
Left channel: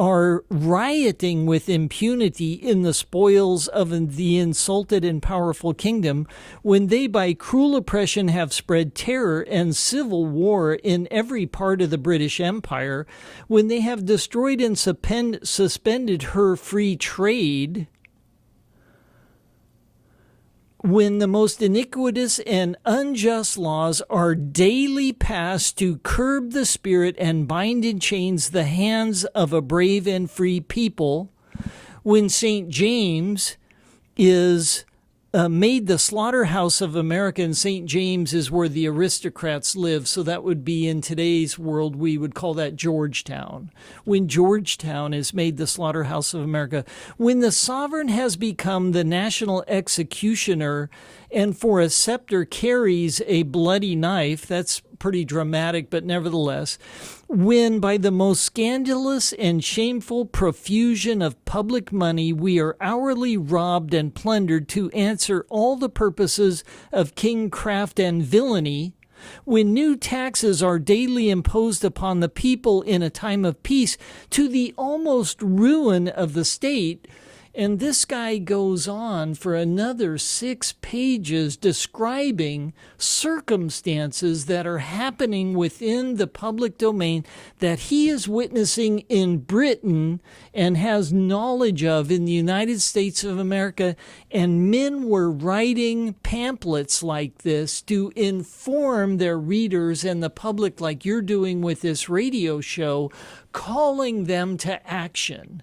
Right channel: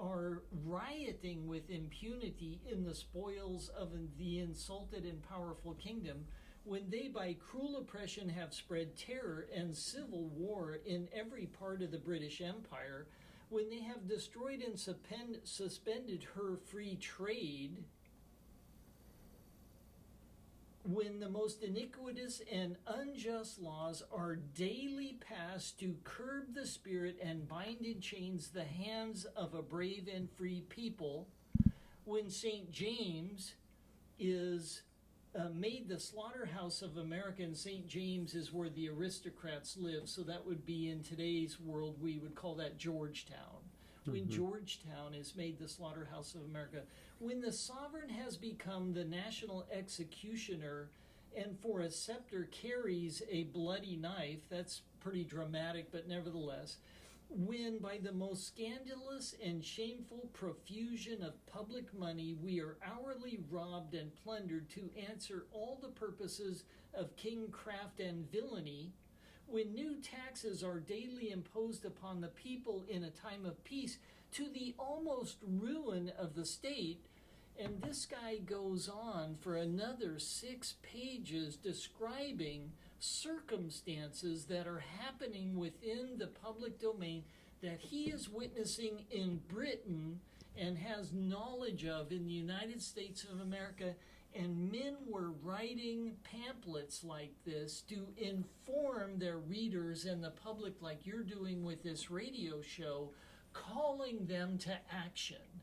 are rioting with impunity in the spoils of the insulted and powerful kingdom, when they by cruel oppression have spread terror and civil war in every part of the British Empire, when they have destroyed and suspended her free trade, when the most iniquitous and unjust laws are daily passed to curb the spirit and bind in chains the hands of a brave and free people, when St. James is made the slaughterhouse of America, and St. James is where the aristocrats live, so that would be, in today's world, we would call that Georgetown. When Georgetown is made the slaughterhouse of America, when the sovereign has become the national executioner and for a scepter carries a bloody knife, that's pretty dramatic, but nevertheless, when by the most scandalous and shameful profusion of public money we are hourly robbed and plundered to answer all the purposes of kingcraft and villainy, when new taxes are daily imposed upon the people in a time of peace to the almost ruin of the state. And this guy goes on for another 6 pages describing circumstances that are happening within the public domain that he is witnessing in Britain and has knowledge of in the United States of America. And men were writing pamphlets like this to inform their readers and the public, like you're doing with this radio show, calling them to action.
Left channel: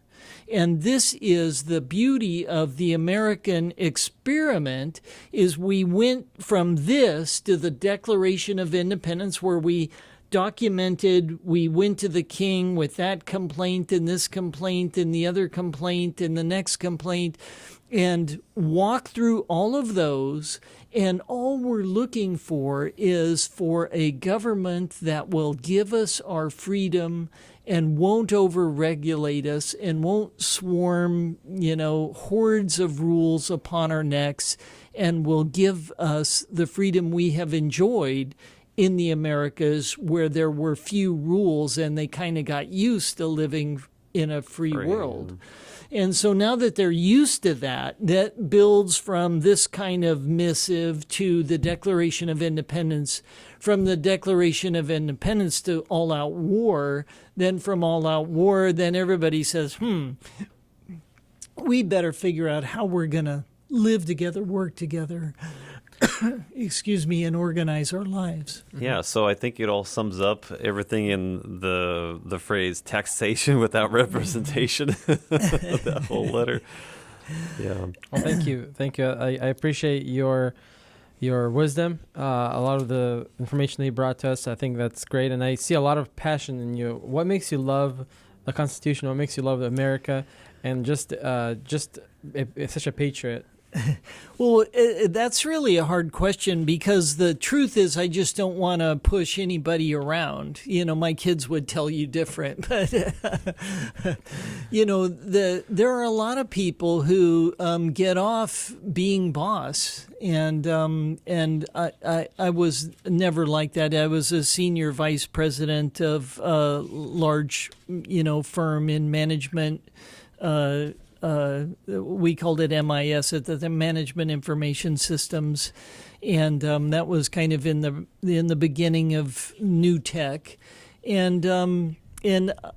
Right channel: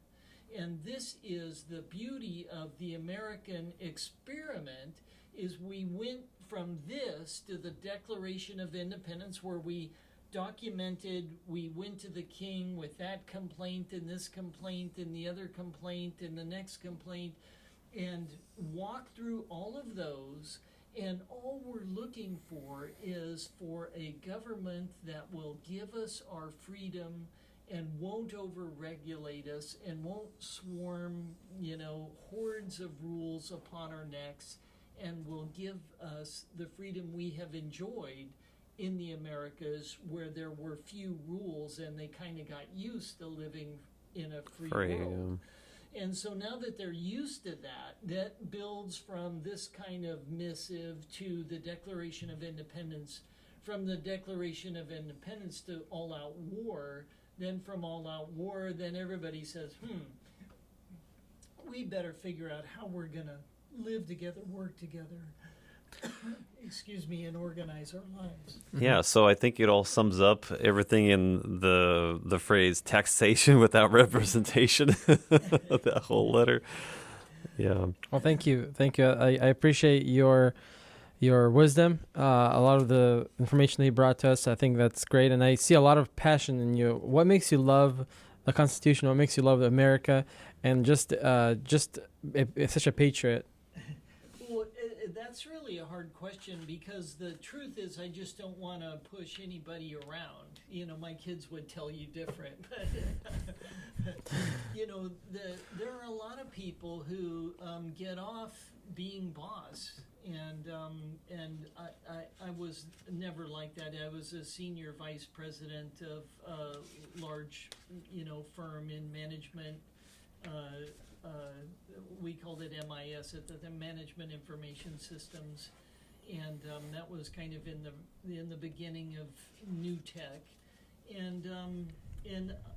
And this is the beauty of the American experiment, is we went from this to the Declaration of Independence, where we documented, we went to the king with that complaint and this complaint and the other complaint and the next complaint, and walked through all of those. And all we're looking for is for a government that will give us our freedom and won't over-regulate us and won't swarm, hordes of rules upon our necks, and will give us the freedom we have enjoyed in the Americas, where there were few rules and they kind of got used to living in a free world. And so now that they're used to that, that builds from this kind of missive to the Declaration of Independence, from the Declaration of Independence to all-out war. Then from all-out war, then everybody says, we better figure out how we're going to live together, work together, and organize our lives. Yeah, so I think it all sums up everything in the phrase taxation without representation, that whole letter. Yeah. Well, thank you. I appreciate your wisdom, a lot of the information that you brought to us. I think that's great, and I see a lot of passion in you. What makes you love the Constitution? What makes you love America, and just such a patriot? Well, that's really a hard question, because the truth is I just don't want to push anybody around. My kids would tell you different. But, there are a lot of people who get off being boss. And I was never like that. I was a senior vice president of a large, firm in management. We called it MIS, the Management Information Systems, and that was kind of in the beginning of new tech, and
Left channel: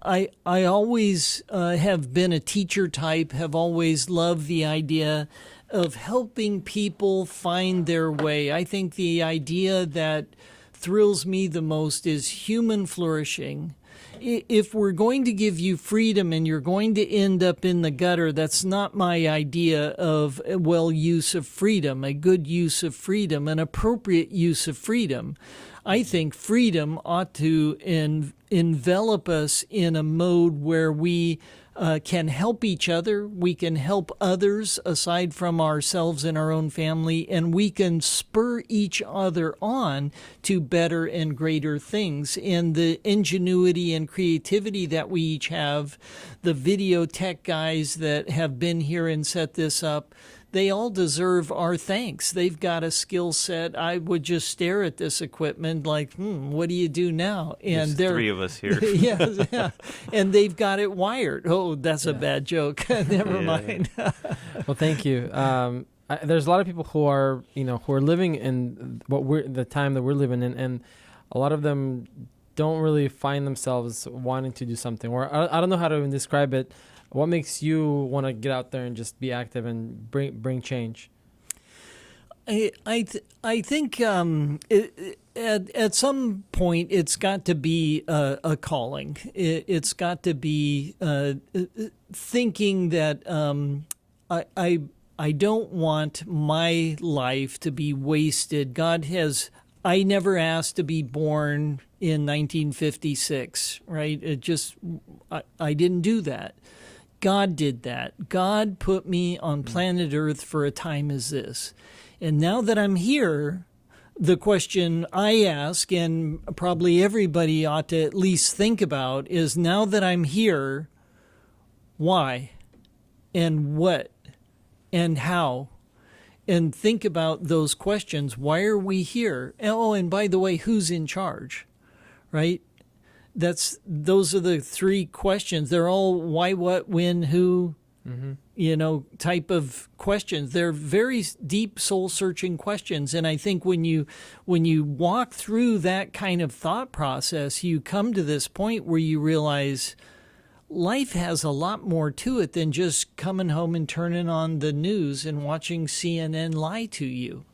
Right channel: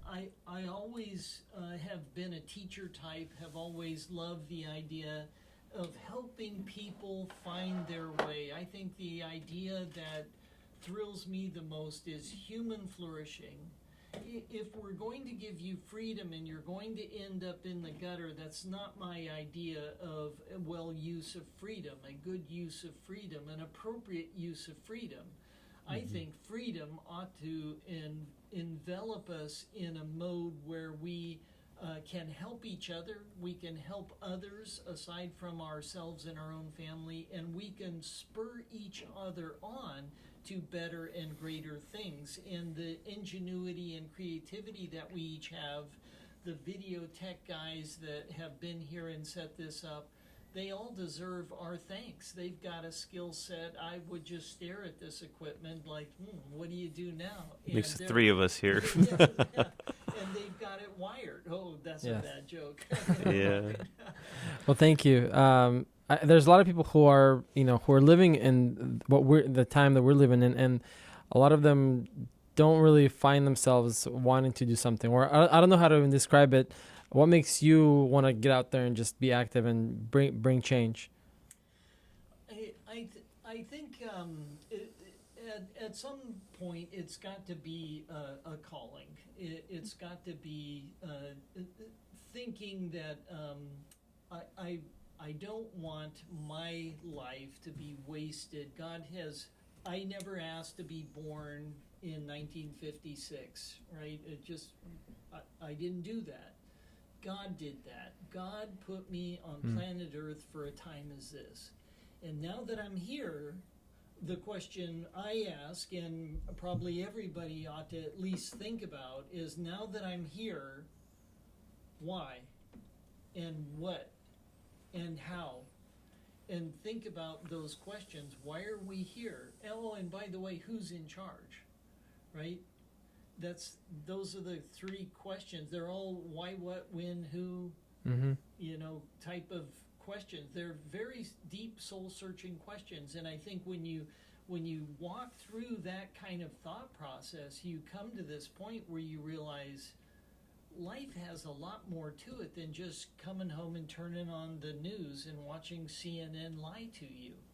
I always have been a teacher type, have always loved the idea of helping people find their way. I think the idea that thrills me the most is human flourishing. If we're going to give you freedom and you're going to end up in the gutter, that's not my idea of a use of freedom, a good use of freedom, an appropriate use of freedom. I think freedom ought to envelop us in a mode where we can help each other, we can help others aside from ourselves and our own family, and we can spur each other on to better and greater things. And the ingenuity and creativity that we each have, the video tech guys that have been here and set this up, they all deserve our thanks. They've got a skill set. I would just stare at this equipment like, what do you do now? And there's three of us here. Yeah. And they've got it wired. Oh, that's a bad joke. Never mind. Well, thank you. There's a lot of people who are living in the time that we're living in, and a lot of them don't really find themselves wanting to do something. Or I don't know how to even describe it. What makes you want to get out there and just be active and bring change? I think at some point it's got to be a calling. It's got to be thinking that I don't want my life to be wasted. I never asked to be born in 1956, right? I didn't do that. God did that. God put me on planet Earth for a time as this. And now that I'm here, the question I ask, and probably everybody ought to at least think about, is now that I'm here, why? And what? And how? And think about those questions. Why are we here? Oh, and by the way, who's in charge? Right? Those are the three questions. They're all why, what, when, who, type of questions. They're very deep, soul-searching questions. And I think when you walk through that kind of thought process, you come to this point where you realize life has a lot more to it than just coming home and turning on the news and watching CNN lie to you.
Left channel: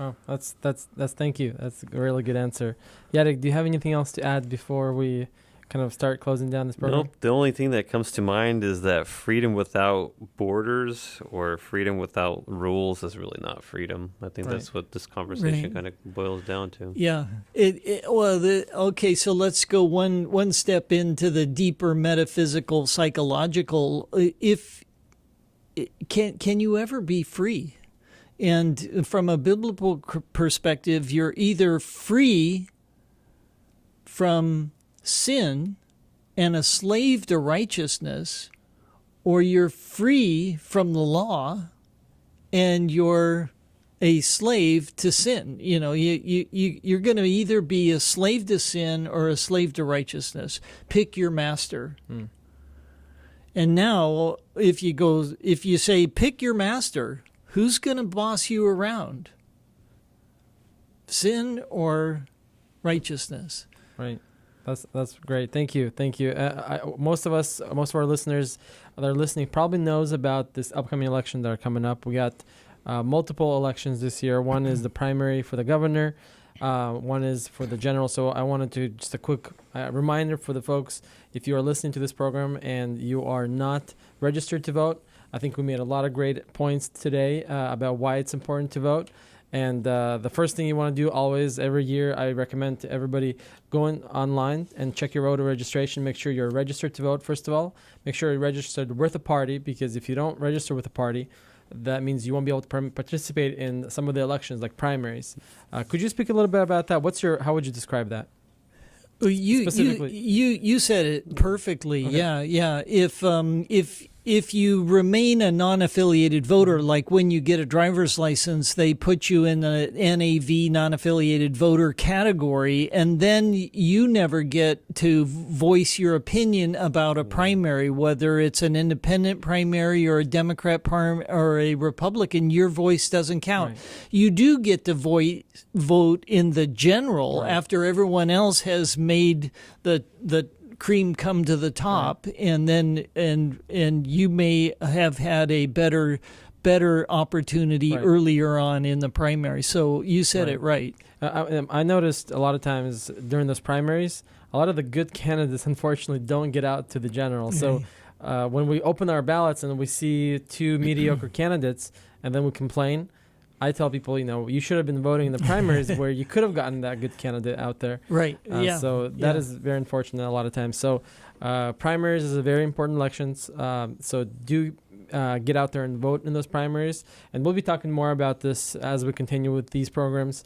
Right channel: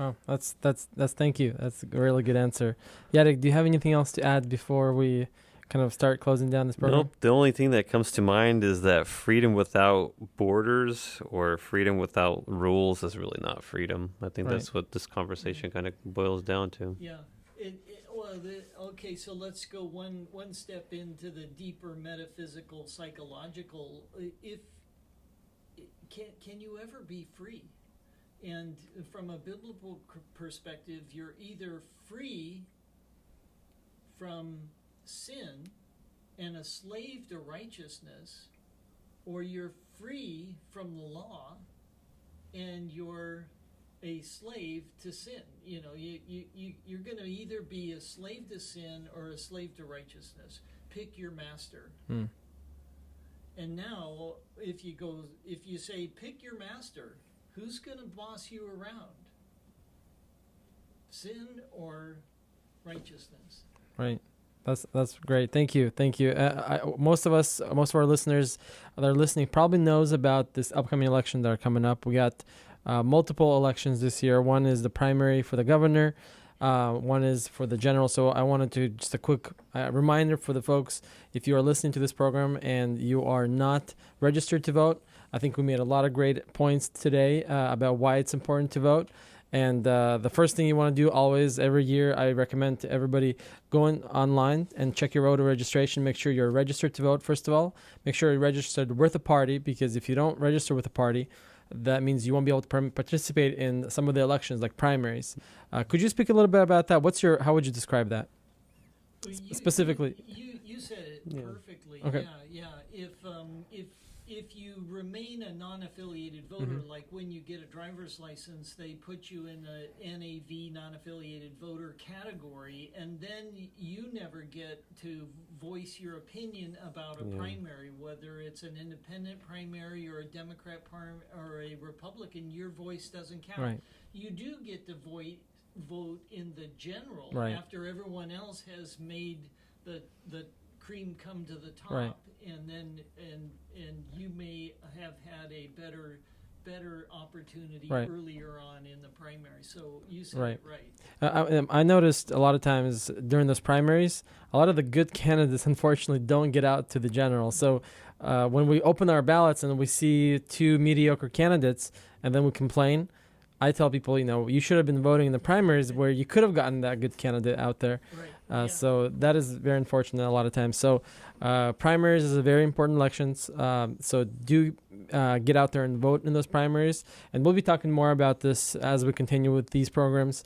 Oh, that's thank you. That's a really good answer. Yadek, do you have anything else to add before we kind of start closing down this program? Nope. The only thing that comes to mind is that freedom without borders or freedom without rules is really not freedom. I think that's what this conversation kind of boils down to. Yeah. Okay, so let's go one step into the deeper metaphysical, psychological. Can you ever be free? And from a biblical perspective, you're either free from sin and a slave to righteousness, or you're free from the law and you're a slave to sin. You're going to either be a slave to sin or a slave to righteousness. Pick your master. And now, if you say pick your master, who's going to boss you around? Sin or righteousness? Right. That's great. Thank you. Most of our listeners that are listening probably knows about this upcoming election that are coming up. We got multiple elections this year. One is the primary for the governor. One is for the general. So I wanted to just a quick reminder for the folks, if you are listening to this program and you are not registered to vote, I think we made a lot of great points today about why it's important to vote. And the first thing you want to do always, every year, I recommend to everybody going online and check your voter registration. Make sure you're registered to vote, first of all. Make sure you're registered with a party, because if you don't register with a party, that means you won't be able to participate in some of the elections, like primaries. Could you speak a little bit about that? How would you describe that? Specifically, you said it perfectly. Okay. Yeah. If you remain a non-affiliated voter, like when you get a driver's license, they put you in the NAV, non-affiliated voter category, and then you never get to voice your opinion about a primary, whether it's an independent primary or a Democrat primary or a Republican. Your voice doesn't count. Right. You do get to vote in the general after everyone else has made the cream come to the top, and then and you may have had a better better opportunity Right. earlier on in the primary. So you said Right. it right. I noticed a lot of times during those primaries, a lot of the good candidates, unfortunately, don't get out to the general. So when we open our ballots and we see two mediocre candidates and then we complain, I tell people, you should have been voting in the primaries where you could have gotten that good candidate out there. Right. So that is very unfortunate a lot of times. So primaries is a very important elections. So do get out there and vote in those primaries. And we'll be talking more about this as we continue with these programs.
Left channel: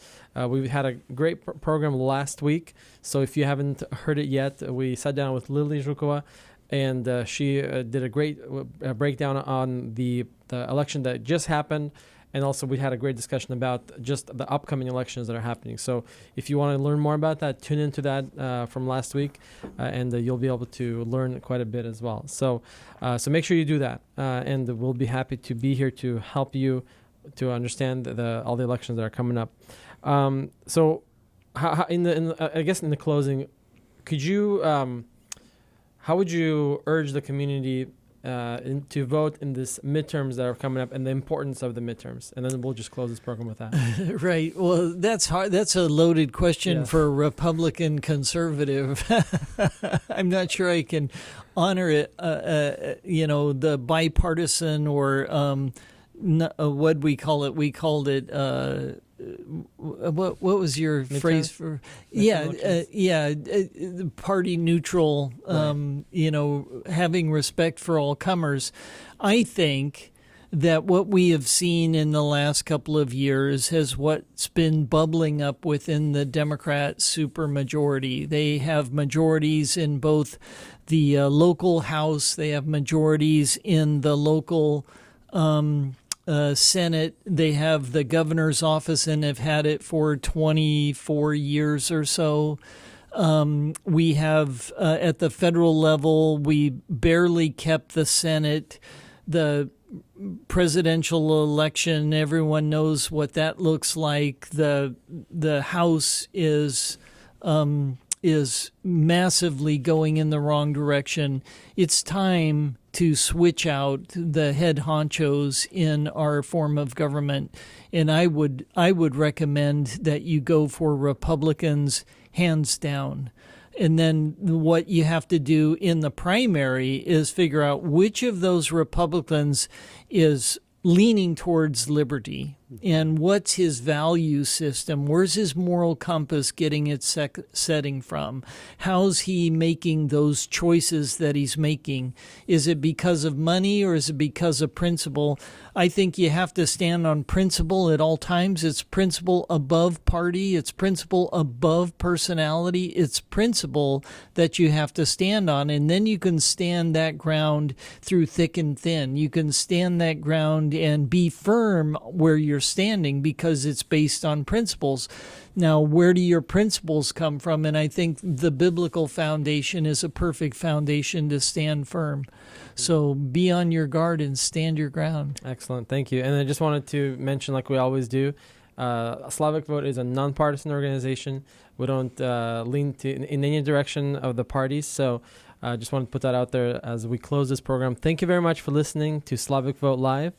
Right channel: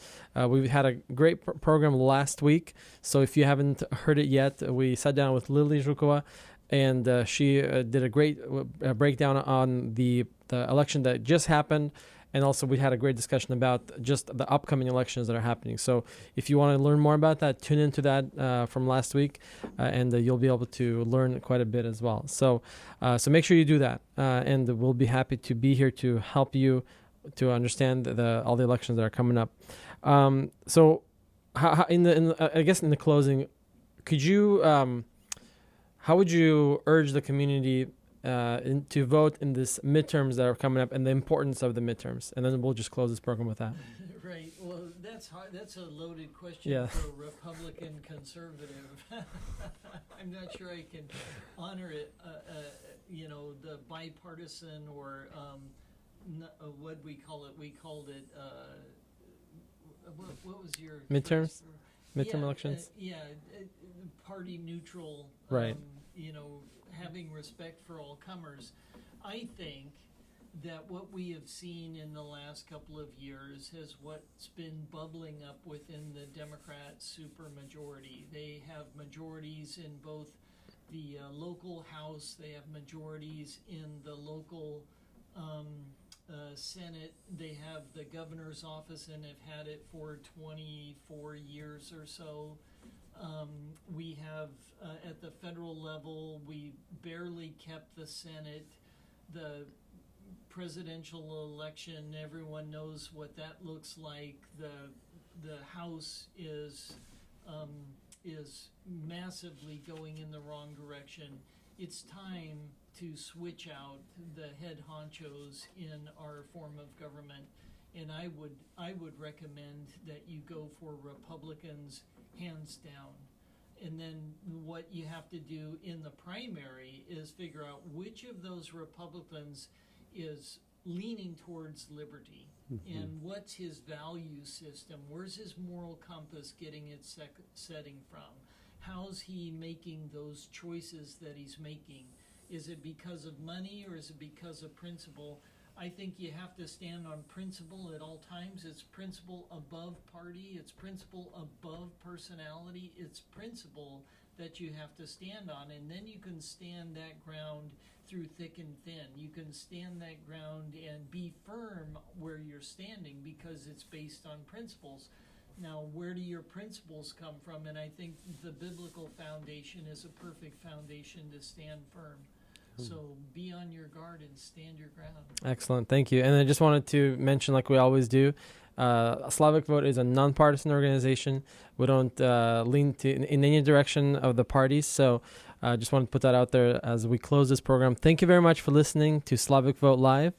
We've had a great program last week. So if you haven't heard it yet, we sat down with Lily Zhukova, and she did a great breakdown on the election that just happened. And also we had a great discussion about just the upcoming elections that are happening. So if you want to learn more about that, tune into that from last week, and you'll be able to learn quite a bit as well. So make sure you do that, and we'll be happy to be here to help you to understand all the elections that are coming up. So how in the closing, could you how would you urge the community to vote in this midterms that are coming up and the importance of the midterms? And then we'll just close this program with that. Right. Well, that's hard. That's a loaded question Yes. for a Republican conservative. I'm not sure I can honor it. The bipartisan or what we call it. We called it. What was your Midterms? phrase for? Party neutral. Having respect for all comers. I think that what we have seen in the last couple of years has what's been bubbling up within the Democrat supermajority. They have majorities in both the local House. They have majorities in the local Senate. They have the governor's office and have had it for 24 years or so. We have at the federal level, we barely kept the Senate. The presidential election, everyone knows what that looks like. The House is massively going in the wrong direction. It's time to switch out the head honchos in our form of government, and I would recommend that you go for Republicans hands down. And then what you have to do in the primary is figure out which of those Republicans is leaning towards liberty, and what's his value system? Where's his moral compass getting its setting from? How's he making those choices that he's making? Is it because of money or is it because of principle? I think you have to stand on principle at all times. It's principle above party. It's principle above personality. It's principle that you have to stand on. And then you can stand that ground through thick and thin. You can stand that ground and be firm where you're standing because it's based on principles. Now, where do your principles come from? And I think the biblical foundation is a perfect foundation to stand firm. So be on your guard and stand your ground. Excellent. Thank you. And I just wanted to mention, like we always do, Slavic Vote is a nonpartisan organization. We don't lean in any direction of the parties. So I just want to put that out there as we close this program. Thank you very much for listening to Slavic Vote Live.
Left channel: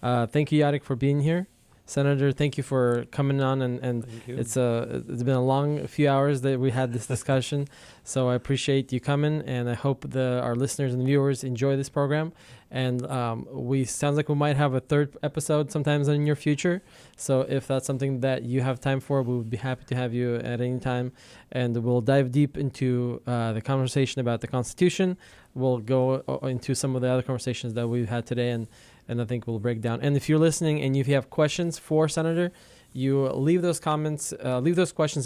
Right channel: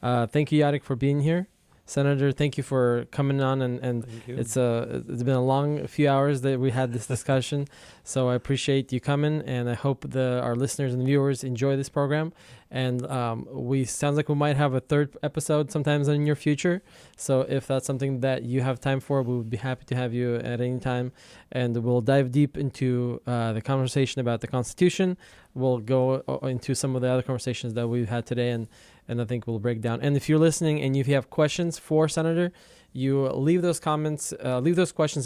Thank you, Jarek, for being here. Senator, thank you for coming on, and it's been a long few hours that we had this discussion, so I appreciate you coming, and I hope our listeners and viewers enjoy this program. And sounds like we might have a third episode sometimes in your future, so if that's something that you have time for, we would be happy to have you at any time, and we'll dive deep into the conversation about the Constitution. We'll go into some of the other conversations that we've had today, and I think we'll break down. And if you're listening and if you have questions for Senator, you leave those questions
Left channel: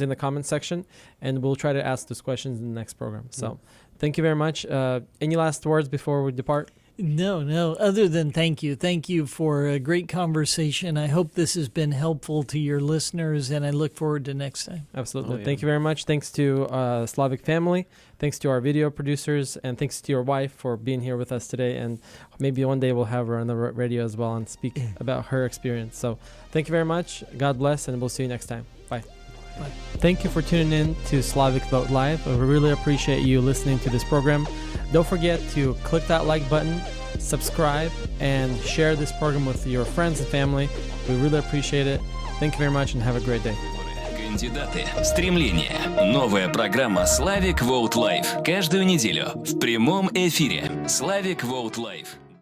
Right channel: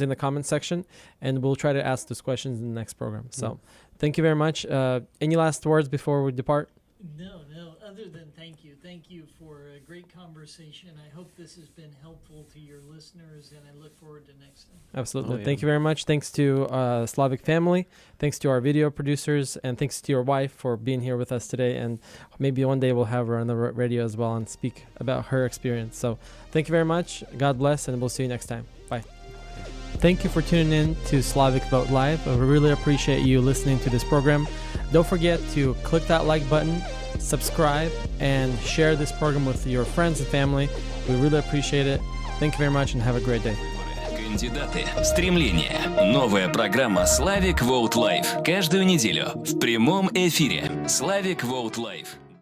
in the comment section, and we'll try to ask those questions in the next program. So thank you very much. Any last words before we depart? No, other than thank you. Thank you for a great conversation. I hope this has been helpful to your listeners, and I look forward to next time. Absolutely. Thank you very much. Thanks to Slavic Family. Thanks to our video producers, and thanks to your wife for being here with us today. And maybe one day we'll have her on the radio as well and speak about her experience. So thank you very much. God bless, and we'll see you next time. Bye. Thank you for tuning in to Slavic Vote Live. We really appreciate you listening to this program. Don't forget to click that like button, subscribe, and share this program with your friends and family. We really appreciate it. Thank you very much and have a great day. Кандидаты. Стремление. Новая программа Slavic Vote Live. Каждую неделю в прямом эфире. Slavic Vote Live.